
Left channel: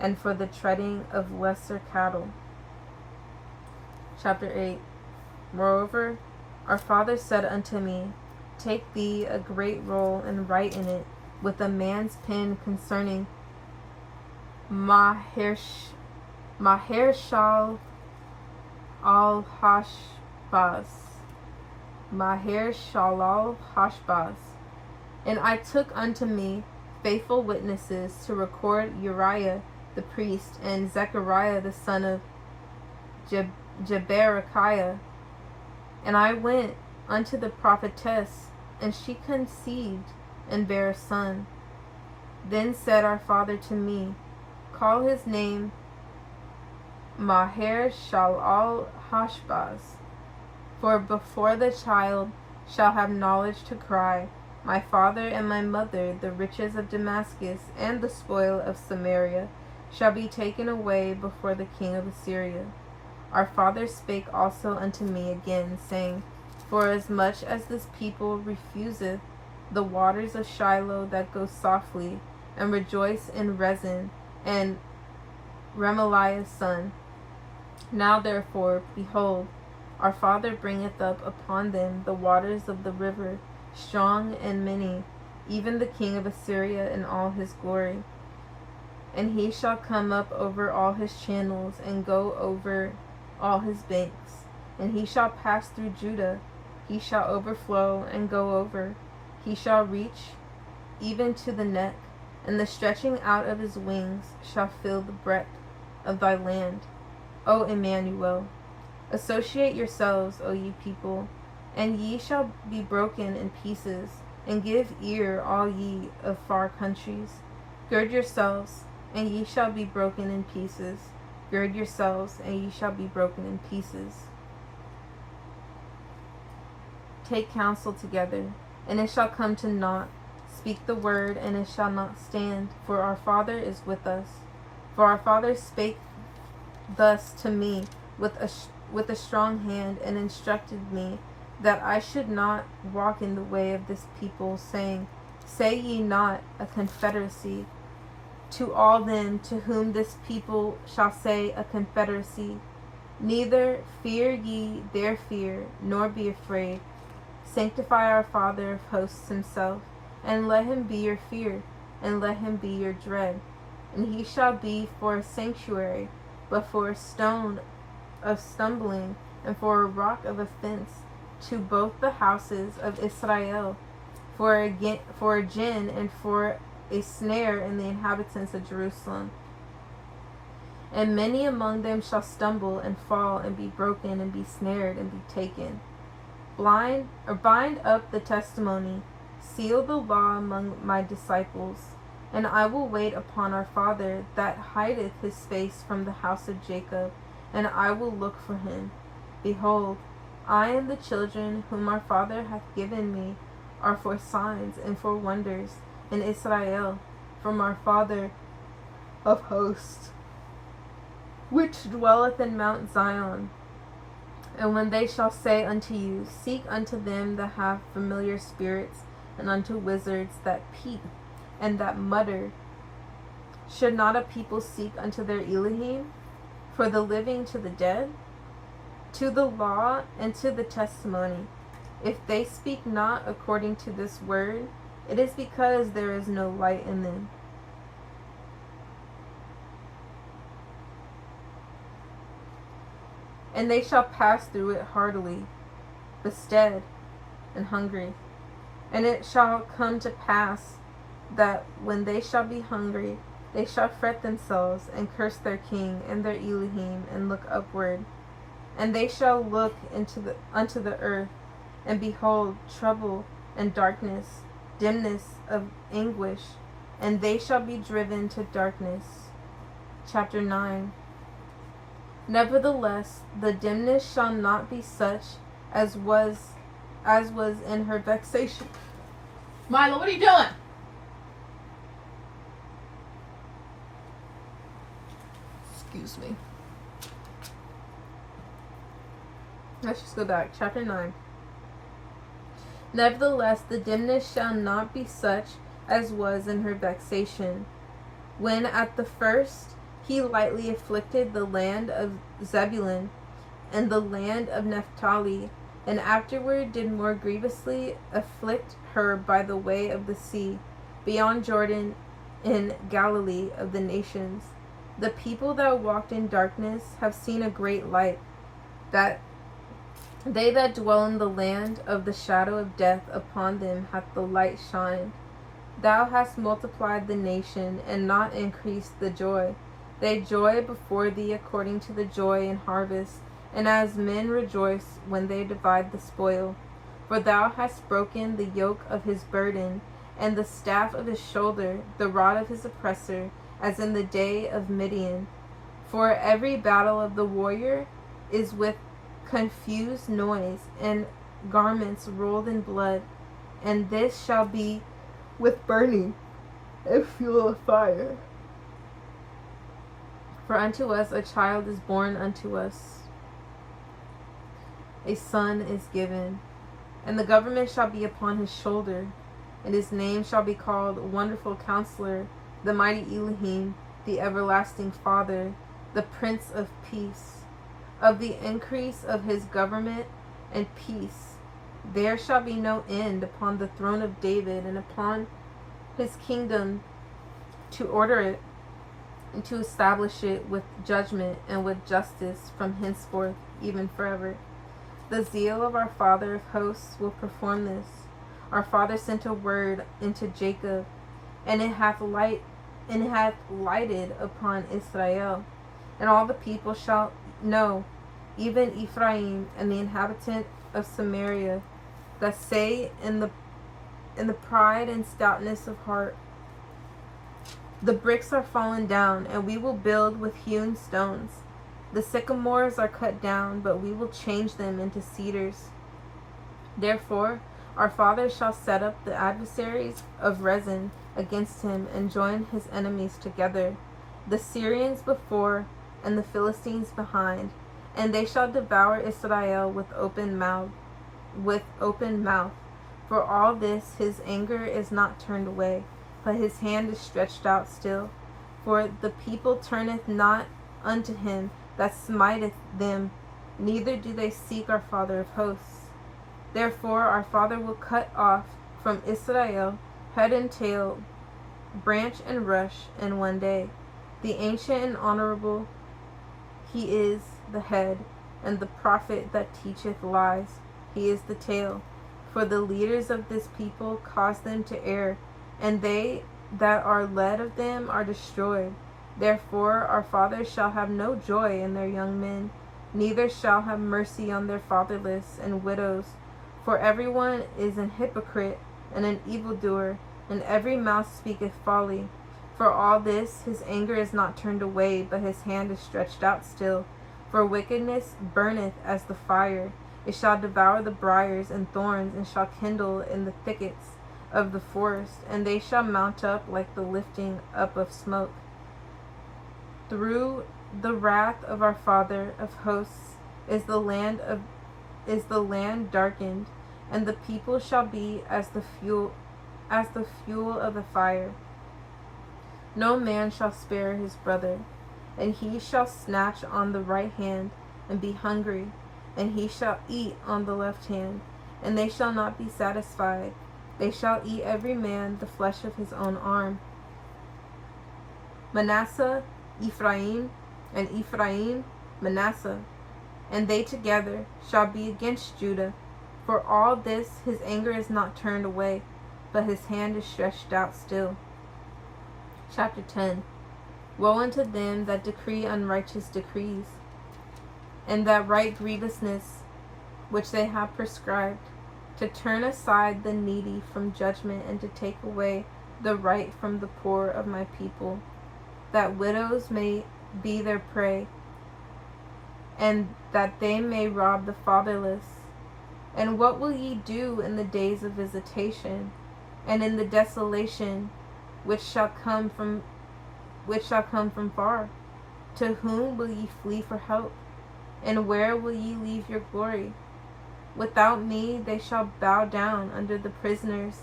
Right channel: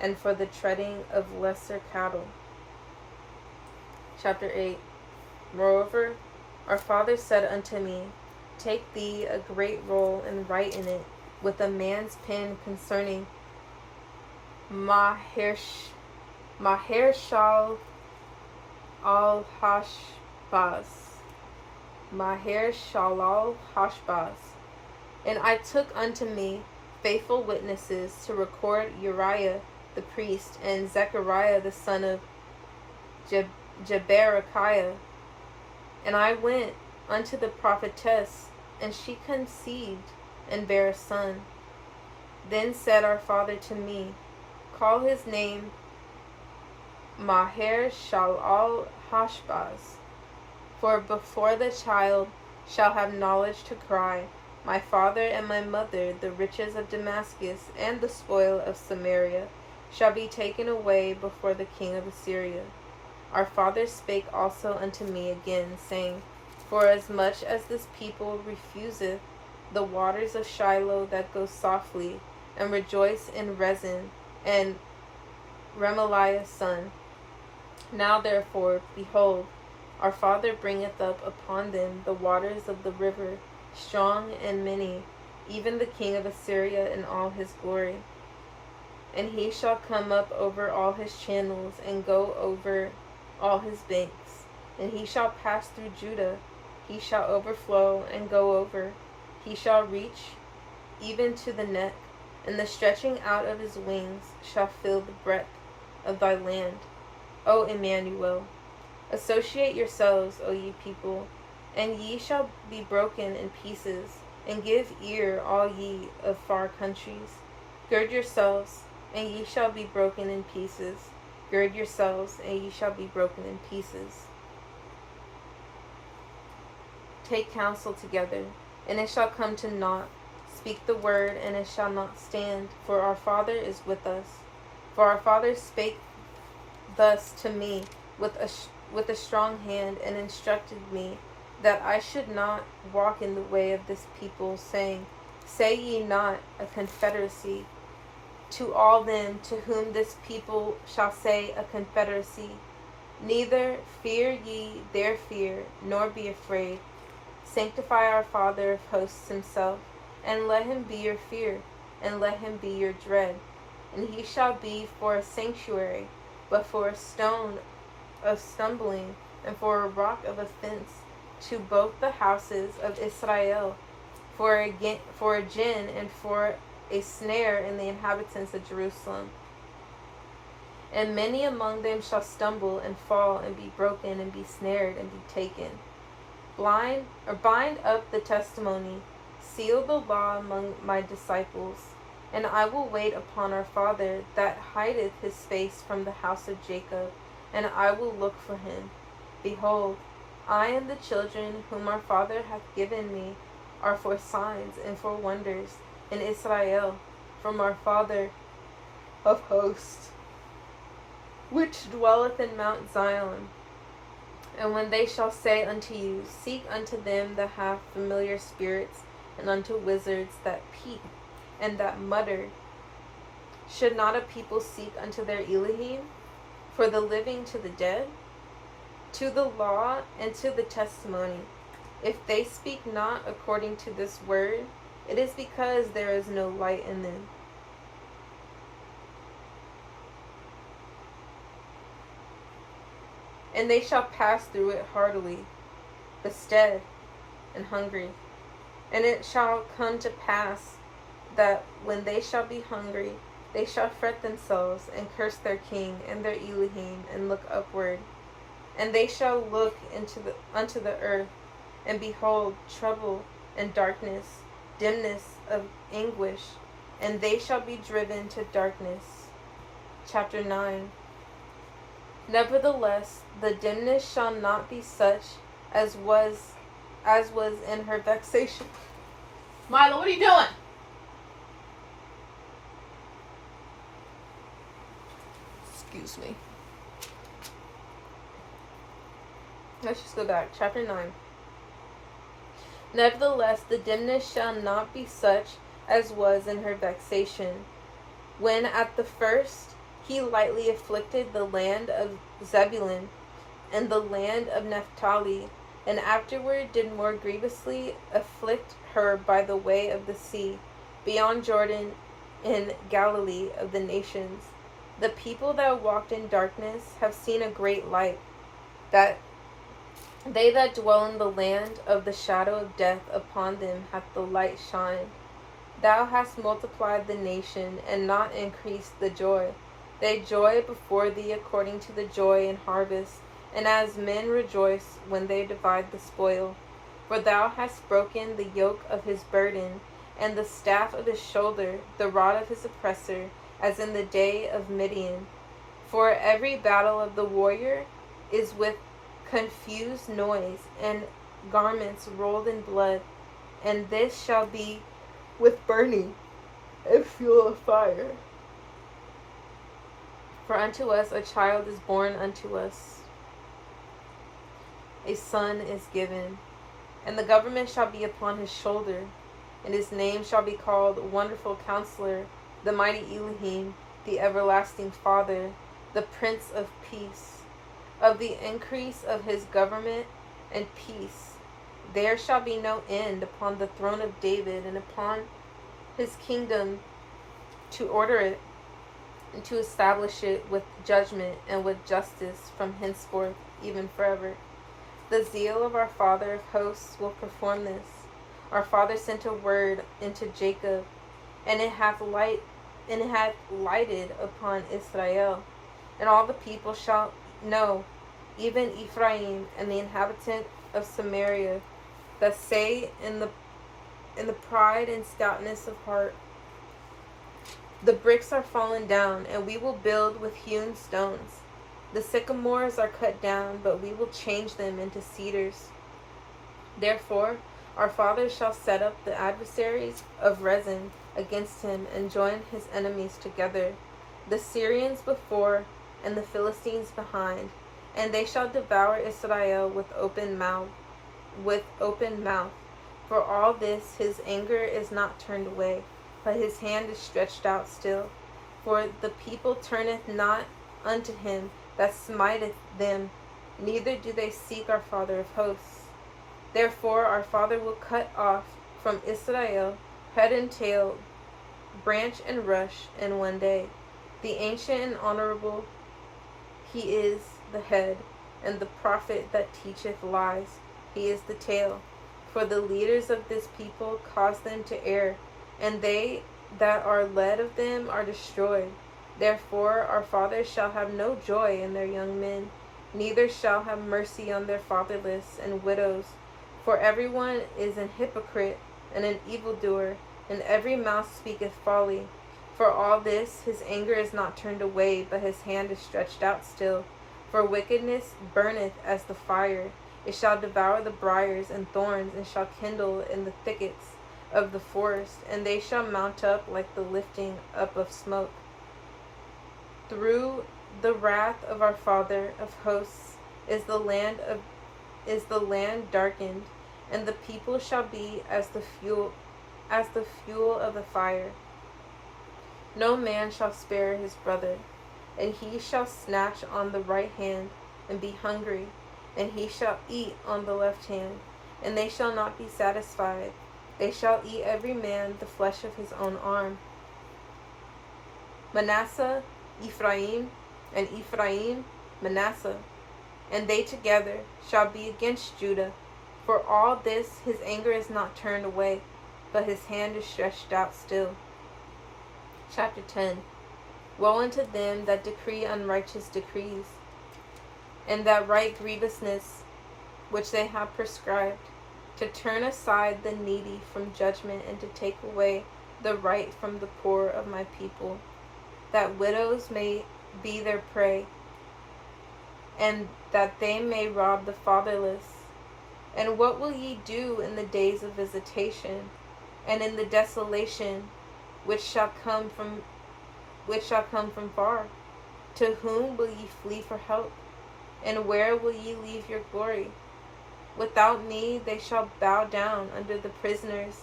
and for the treading of lesser cattle. Chapter 8. Moreover, our father said unto me, Take thee a great roll and write in it with a man's pen concerning Maher-shalal Hashbaz. Maher-shalal Hashbaz. And I took unto me faithful witnesses to record Uriah the priest and Zechariah the son of Jeberechiah. And I went unto the prophetess, and she conceived and bare a son. Then said our father to me, Call his name Maher-shalal Hashbaz. For before the child shall have knowledge to cry, My father and my mother, the riches of Damascus and the spoil of Samaria, shall be taken away before the king of Assyria. Our father spake also unto me again, saying, Forasmuch as this people refuseth the waters of Shiloh that go softly, and rejoice in Rezin and Remaliah's son. Now therefore, behold, our father bringeth up upon them the waters of the river, strong and many, even the king of Assyria in all his glory. And he shall come up over all his channels, and go over all his banks. And he shall pass through Judah, he shall overflow and go over. He shall reach even to the neck, and the stretching out of his wings shall fill the breadth of thy land. O Emmanuel, associate yourselves, O ye people, and ye shall be broken in pieces, and give ear, all ye of far countries. Gird yourselves, and ye shall be broken in pieces. Gird yourselves, and ye shall be broken in pieces. Take counsel together, and it shall come to naught. Speak the word, and it shall not stand, for our father is with us. For our father spake thus to me with a strong hand, and instructed me that I should not walk in the way of this people, saying, Say ye not a confederacy to all them to whom this people shall say a confederacy. Neither fear ye their fear, nor be afraid. Sanctify our Father of hosts himself, and let him be your fear, and let him be your dread. And he shall be for a sanctuary, but for a stone of stumbling, and for a rock of offense to both the houses of Israel, for a gin and for a snare in the inhabitants of Jerusalem. And many among them shall stumble and fall and be broken and be snared and be taken. Bind up the testimony, seal the law among my disciples, and I will wait upon our Father that hideth his face from the house of Jacob, and I will look for him. Behold, I and the children whom our Father hath given me are for signs and for wonders in Israel from our Father of hosts, which dwelleth in Mount Zion, And when they shall say unto you, seek unto them that have familiar spirits, and unto wizards that peep and that mutter, should not a people seek unto their Elohim? For the living to the dead, to the law and to the testimony. If they speak not according to this word, it is because there is no light in them. And they shall pass through it heartily, bestead and hungry. And it shall come to pass that when they shall be hungry, they shall fret themselves, and curse their king and their Elohim, and look upward. And they shall look unto the earth, and behold trouble and darkness, dimness of anguish, and they shall be driven to darkness. Chapter 9. Nevertheless, the dimness shall not be such as was in her vexation. Milo, what are you doing? Excuse me. Let's just go back. Chapter 9. Nevertheless, the dimness shall not be such as was in her vexation, when at the first he lightly afflicted the land of Zebulun and the land of Naphtali, and afterward did more grievously afflict her by the way of the sea, beyond Jordan, in Galilee of the nations. The people that walked in darkness have seen a great light. That they that dwell in the land of the shadow of death, upon them hath the light shined. Thou hast multiplied the nation, and not increased the joy. They joy before thee according to the joy in harvest, and as men rejoice when they divide the spoil. For thou hast broken the yoke of his burden, and the staff of his shoulder, the rod of his oppressor, as in the day of Midian. For every battle of the warrior is with confused noise, and garments rolled in blood, and this shall be with burning and fuel of fire. For unto us a child is born, unto us a son is given, and the government shall be upon his shoulder, and his name shall be called Wonderful Counselor, the Mighty Elohim, the Everlasting Father, the Prince of Peace. Of the increase of his government and peace there shall be no end upon the throne of David, and upon his kingdom, to order it and to establish it with judgment and with justice from henceforth even forever. The zeal of our Father of hosts will perform this. Our Father sent a word into Jacob, and it hath lighted upon Israel. And all the people shall know, even Ephraim and the inhabitant of Samaria, that say in the pride and stoutness of heart, the bricks are fallen down, and we will build with hewn stones. The sycamores are cut down, but we will change them into cedars. Therefore our Father shall set up the adversaries of Rezin against him, and join his enemies together, the Syrians before and the Philistines behind, and they shall devour Israel with open mouth. For all this his anger is not turned away, but his hand is stretched out still. For the people turneth not unto him that smiteth them, neither do they seek our Father of hosts. Therefore our Father will cut off from Israel head and tail, branch and rush in one day. The ancient and honorable, he is the head, and the prophet that teacheth lies, he is the tail. For the leaders of this people cause them to err, and they that are led of them are destroyed. Therefore our fathers shall have no joy in their young men, neither shall have mercy on their fatherless and widows. For everyone is an hypocrite and an evildoer, and every mouth speaketh folly. For all this his anger is not turned away, but his hand is stretched out still. For wickedness burneth as the fire, it shall devour the briars and thorns, and shall kindle in the thickets of the forest, and they shall mount up like the lifting up of smoke. Through the wrath of our Father of hosts is the land darkened, and the people shall be as the fuel of the fire. No man shall spare his brother, and he shall snatch on the right hand, and be hungry, and he shall eat on the left hand, and they shall not be satisfied. They shall eat every man the flesh of his own arm. Manasseh, Ephraim, and Ephraim, Manasseh, and they together shall be against Judah. For all this his anger is not turned away, but his hand is stretched out still. Chapter 10. Woe unto them that decree unrighteous decrees, and that write grievousness which they have prescribed, to turn aside the needy from judgment, and to take away the right from the poor of my people, that widows may be their prey, and that they may rob the fatherless. And what will ye do in the days of visitation, and in the desolation which shall come from far? To whom will ye flee for help? And where will ye leave your glory? Without me they shall bow down under the prisoners,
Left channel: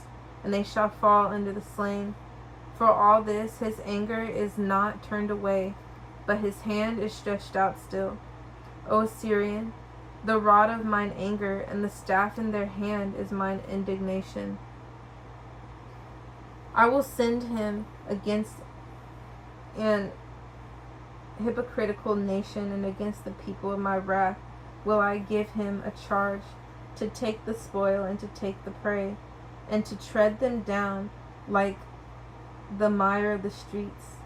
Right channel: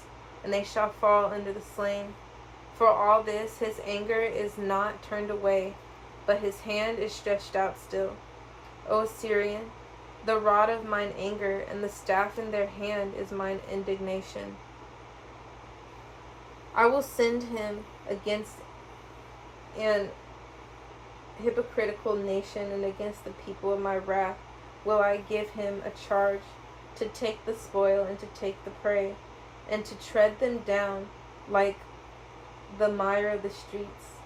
and they shall fall under the slain. For all this his anger is not turned away, but his hand is stretched out still. O Syrian, the rod of mine anger, and the staff in their hand is mine indignation. I will send him against an hypocritical nation, and against the people of my wrath will I give him a charge, to take the spoil, and to take the prey, and to tread them down like the mire of the streets.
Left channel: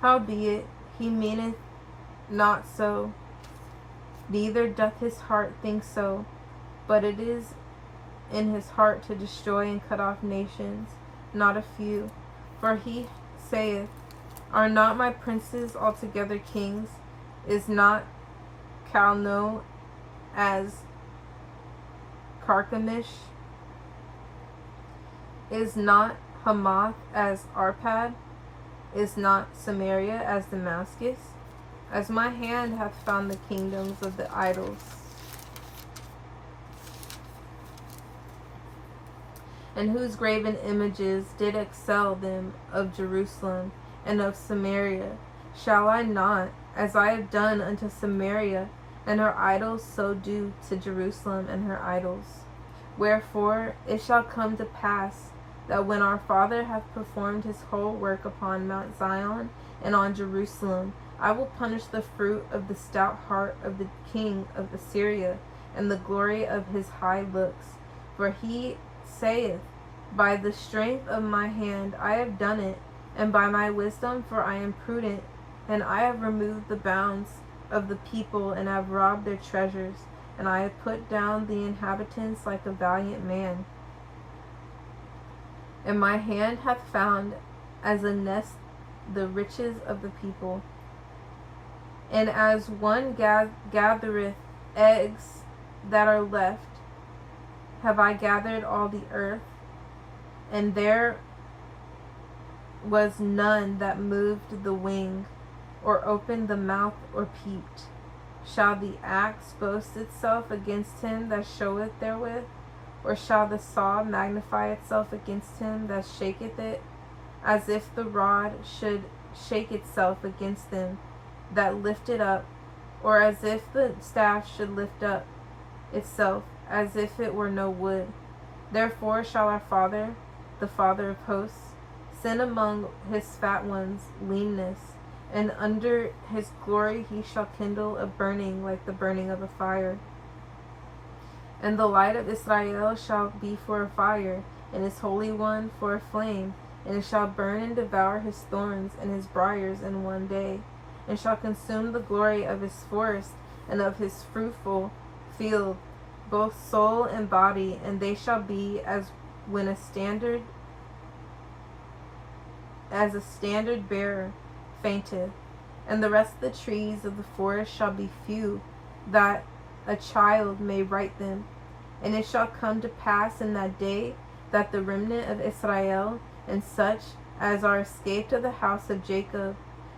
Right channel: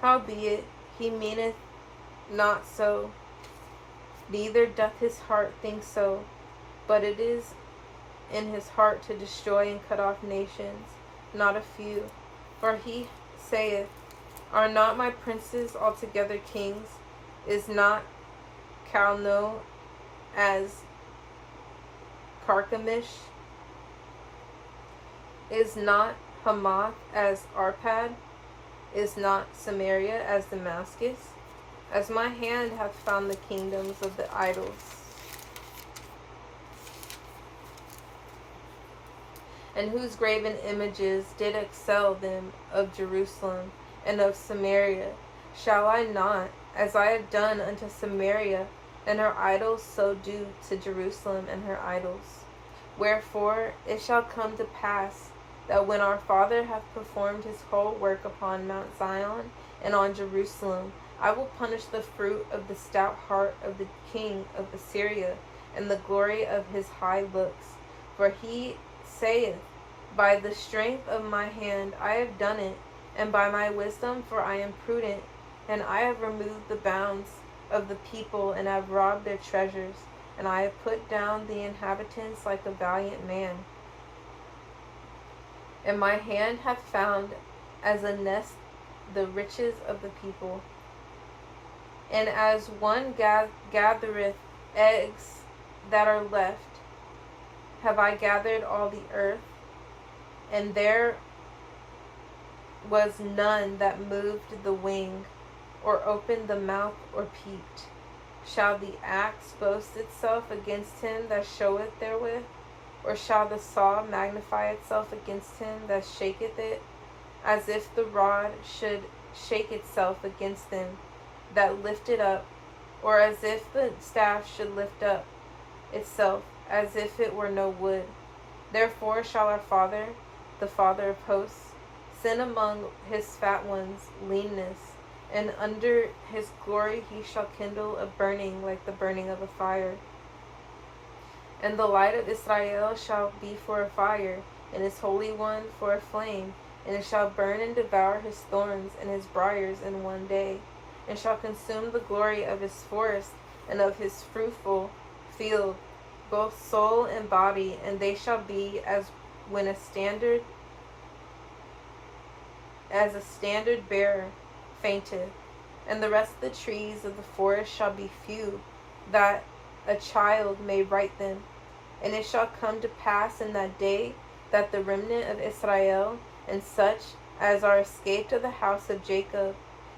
Howbeit he meaneth not so, neither doth his heart think so, but it is in his heart to destroy and cut off nations, not a few. For he saith, Are not my princes altogether kings? Is not Calno as Carchemish? Is not Hamath as Arpad? Is not Samaria as Damascus? As my hand hath found the kingdoms of the idols, and whose graven images did excel them of Jerusalem and of Samaria, shall I not, as I have done unto Samaria and her idols, so do to Jerusalem and her idols? Wherefore it shall come to pass, that when our Father hath performed his whole work upon Mount Zion and on Jerusalem, I will punish the fruit of the stout heart of the king of Assyria, and the glory of his high looks. For he saith, By the strength of my hand I have done it, and by my wisdom, for I am prudent, and I have removed the bounds of the people, and have robbed their treasures, and I have put down the inhabitants like a valiant man. And my hand hath found as a nest the riches of the people. And as one gathereth eggs that are left, have I gathered all the earth, and there was none that moved the wing, or opened the mouth, or peeped. Shall the axe boast itself against him that showeth therewith? Or shall the saw magnify itself against him that shaketh it? As if the rod should shake itself against them that lift it up, or as if the staff should lift up itself, as if it were no wood. Therefore shall our Father, the Father of hosts, send among his fat ones leanness, and under his glory he shall kindle a burning like the burning of a fire. And the light of Israel shall be for a fire, and his Holy One for a flame, and it shall burn and devour his thorns and his briars in one day, and shall consume the glory of his forest and of his fruitful field, both soul and body, and they shall be as when a standard bearer fainteth, and the rest of the trees of the forest shall be few, that a child may write them. And it shall come to pass in that day, that the remnant of Israel, and such as are escaped of the house of Jacob,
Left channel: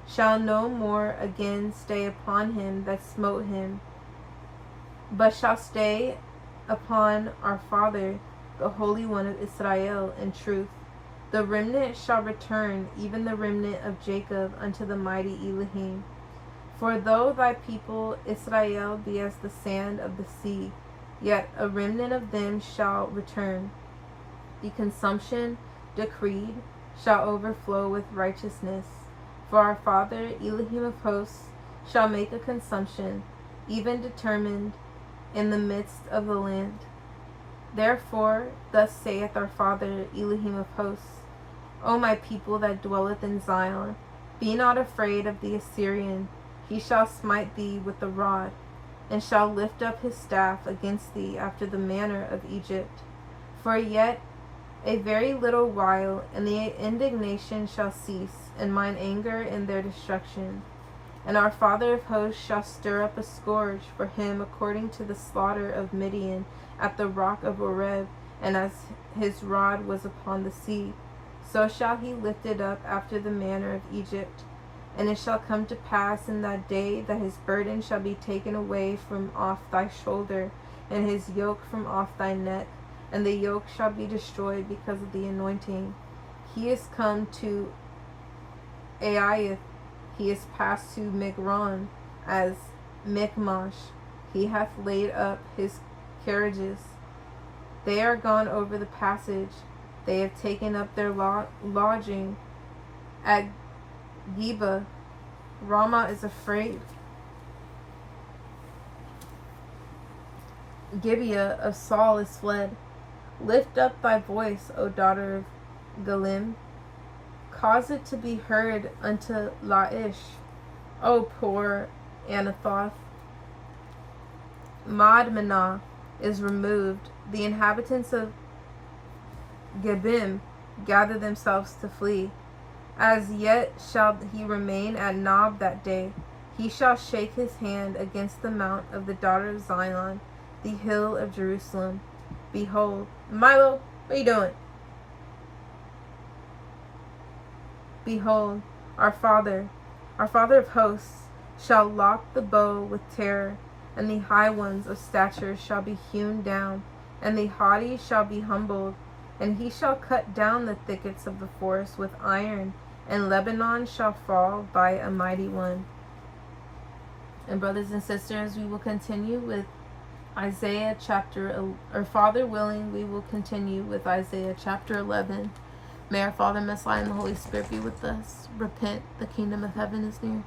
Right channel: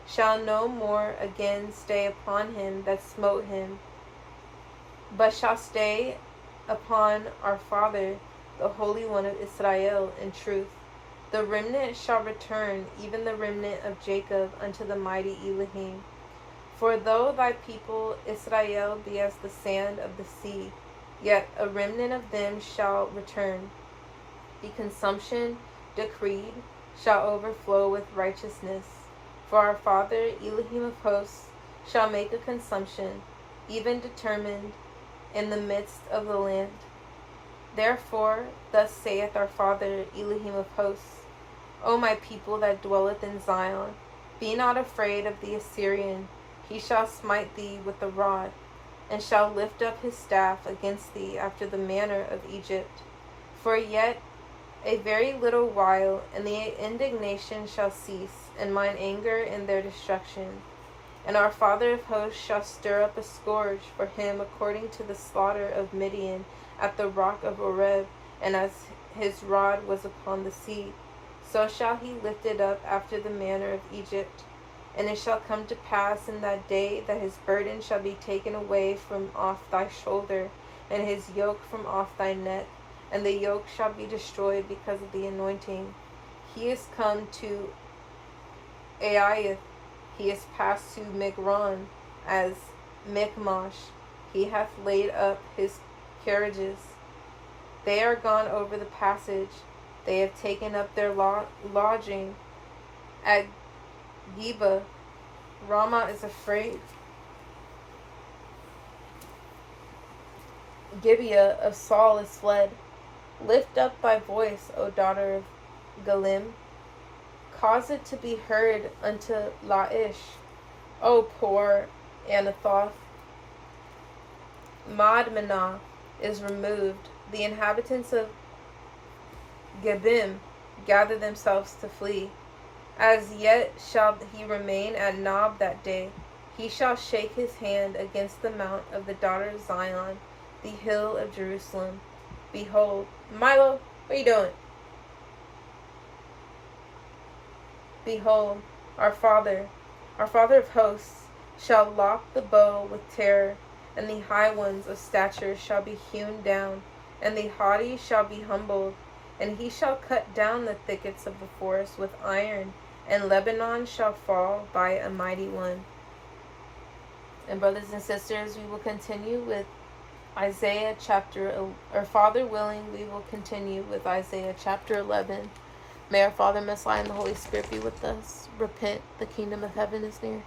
shall no more again stay upon him that smote him, but shall stay upon our Father, the Holy One of Israel, in truth. The remnant shall return, even the remnant of Jacob, unto the mighty Elohim. For though thy people Israel be as the sand of the sea, yet a remnant of them shall return. The consumption decreed shall overflow with righteousness. For our Father Elohim of hosts shall make a consumption, even determined in the midst of the land. Therefore, thus saith our Father Elohim of hosts, O my people that dwelleth in Zion, be not afraid of the Assyrian. He shall smite thee with the rod, and shall lift up his staff against thee after the manner of Egypt. For yet a very little while, and the indignation shall cease, and mine anger in their destruction. And our Father of hosts shall stir up a scourge for him according to the slaughter of Midian at the rock of Oreb, and as his rod was upon the sea, so shall he lift it up after the manner of Egypt. And it shall come to pass in that day that his burden shall be taken away from off thy shoulder, and his yoke from off thy neck, and the yoke shall be destroyed because of the anointing. He is come to Aiath, he is passed to Migron as Michmash. He hath laid up his carriages. They are gone over the passage. They have taken up their lodging at Geba. Ramah is afraid. Gibeah of Saul is fled. Lift up thy voice, O daughter of Galim. Cause it to be heard unto Laish, O poor Anathoth. Madmenah is removed. The inhabitants of Gebim gather themselves to flee. As yet shall he remain at Nob that day. He shall shake his hand against the mount of the daughter of Zion, the hill of Jerusalem. Behold, Milo, what are you doing? Behold, our Father of hosts, shall lock the bow with terror, and the high ones of stature shall be hewn down, and the haughty shall be humbled. And he shall cut down the thickets of the forest with iron, and Lebanon shall fall by a mighty one. And brothers and sisters, we will continue with Isaiah Father willing, we will continue with Isaiah chapter 11. May our Father, Messiah, and the Holy Spirit be with us. Repent, the kingdom of heaven is near.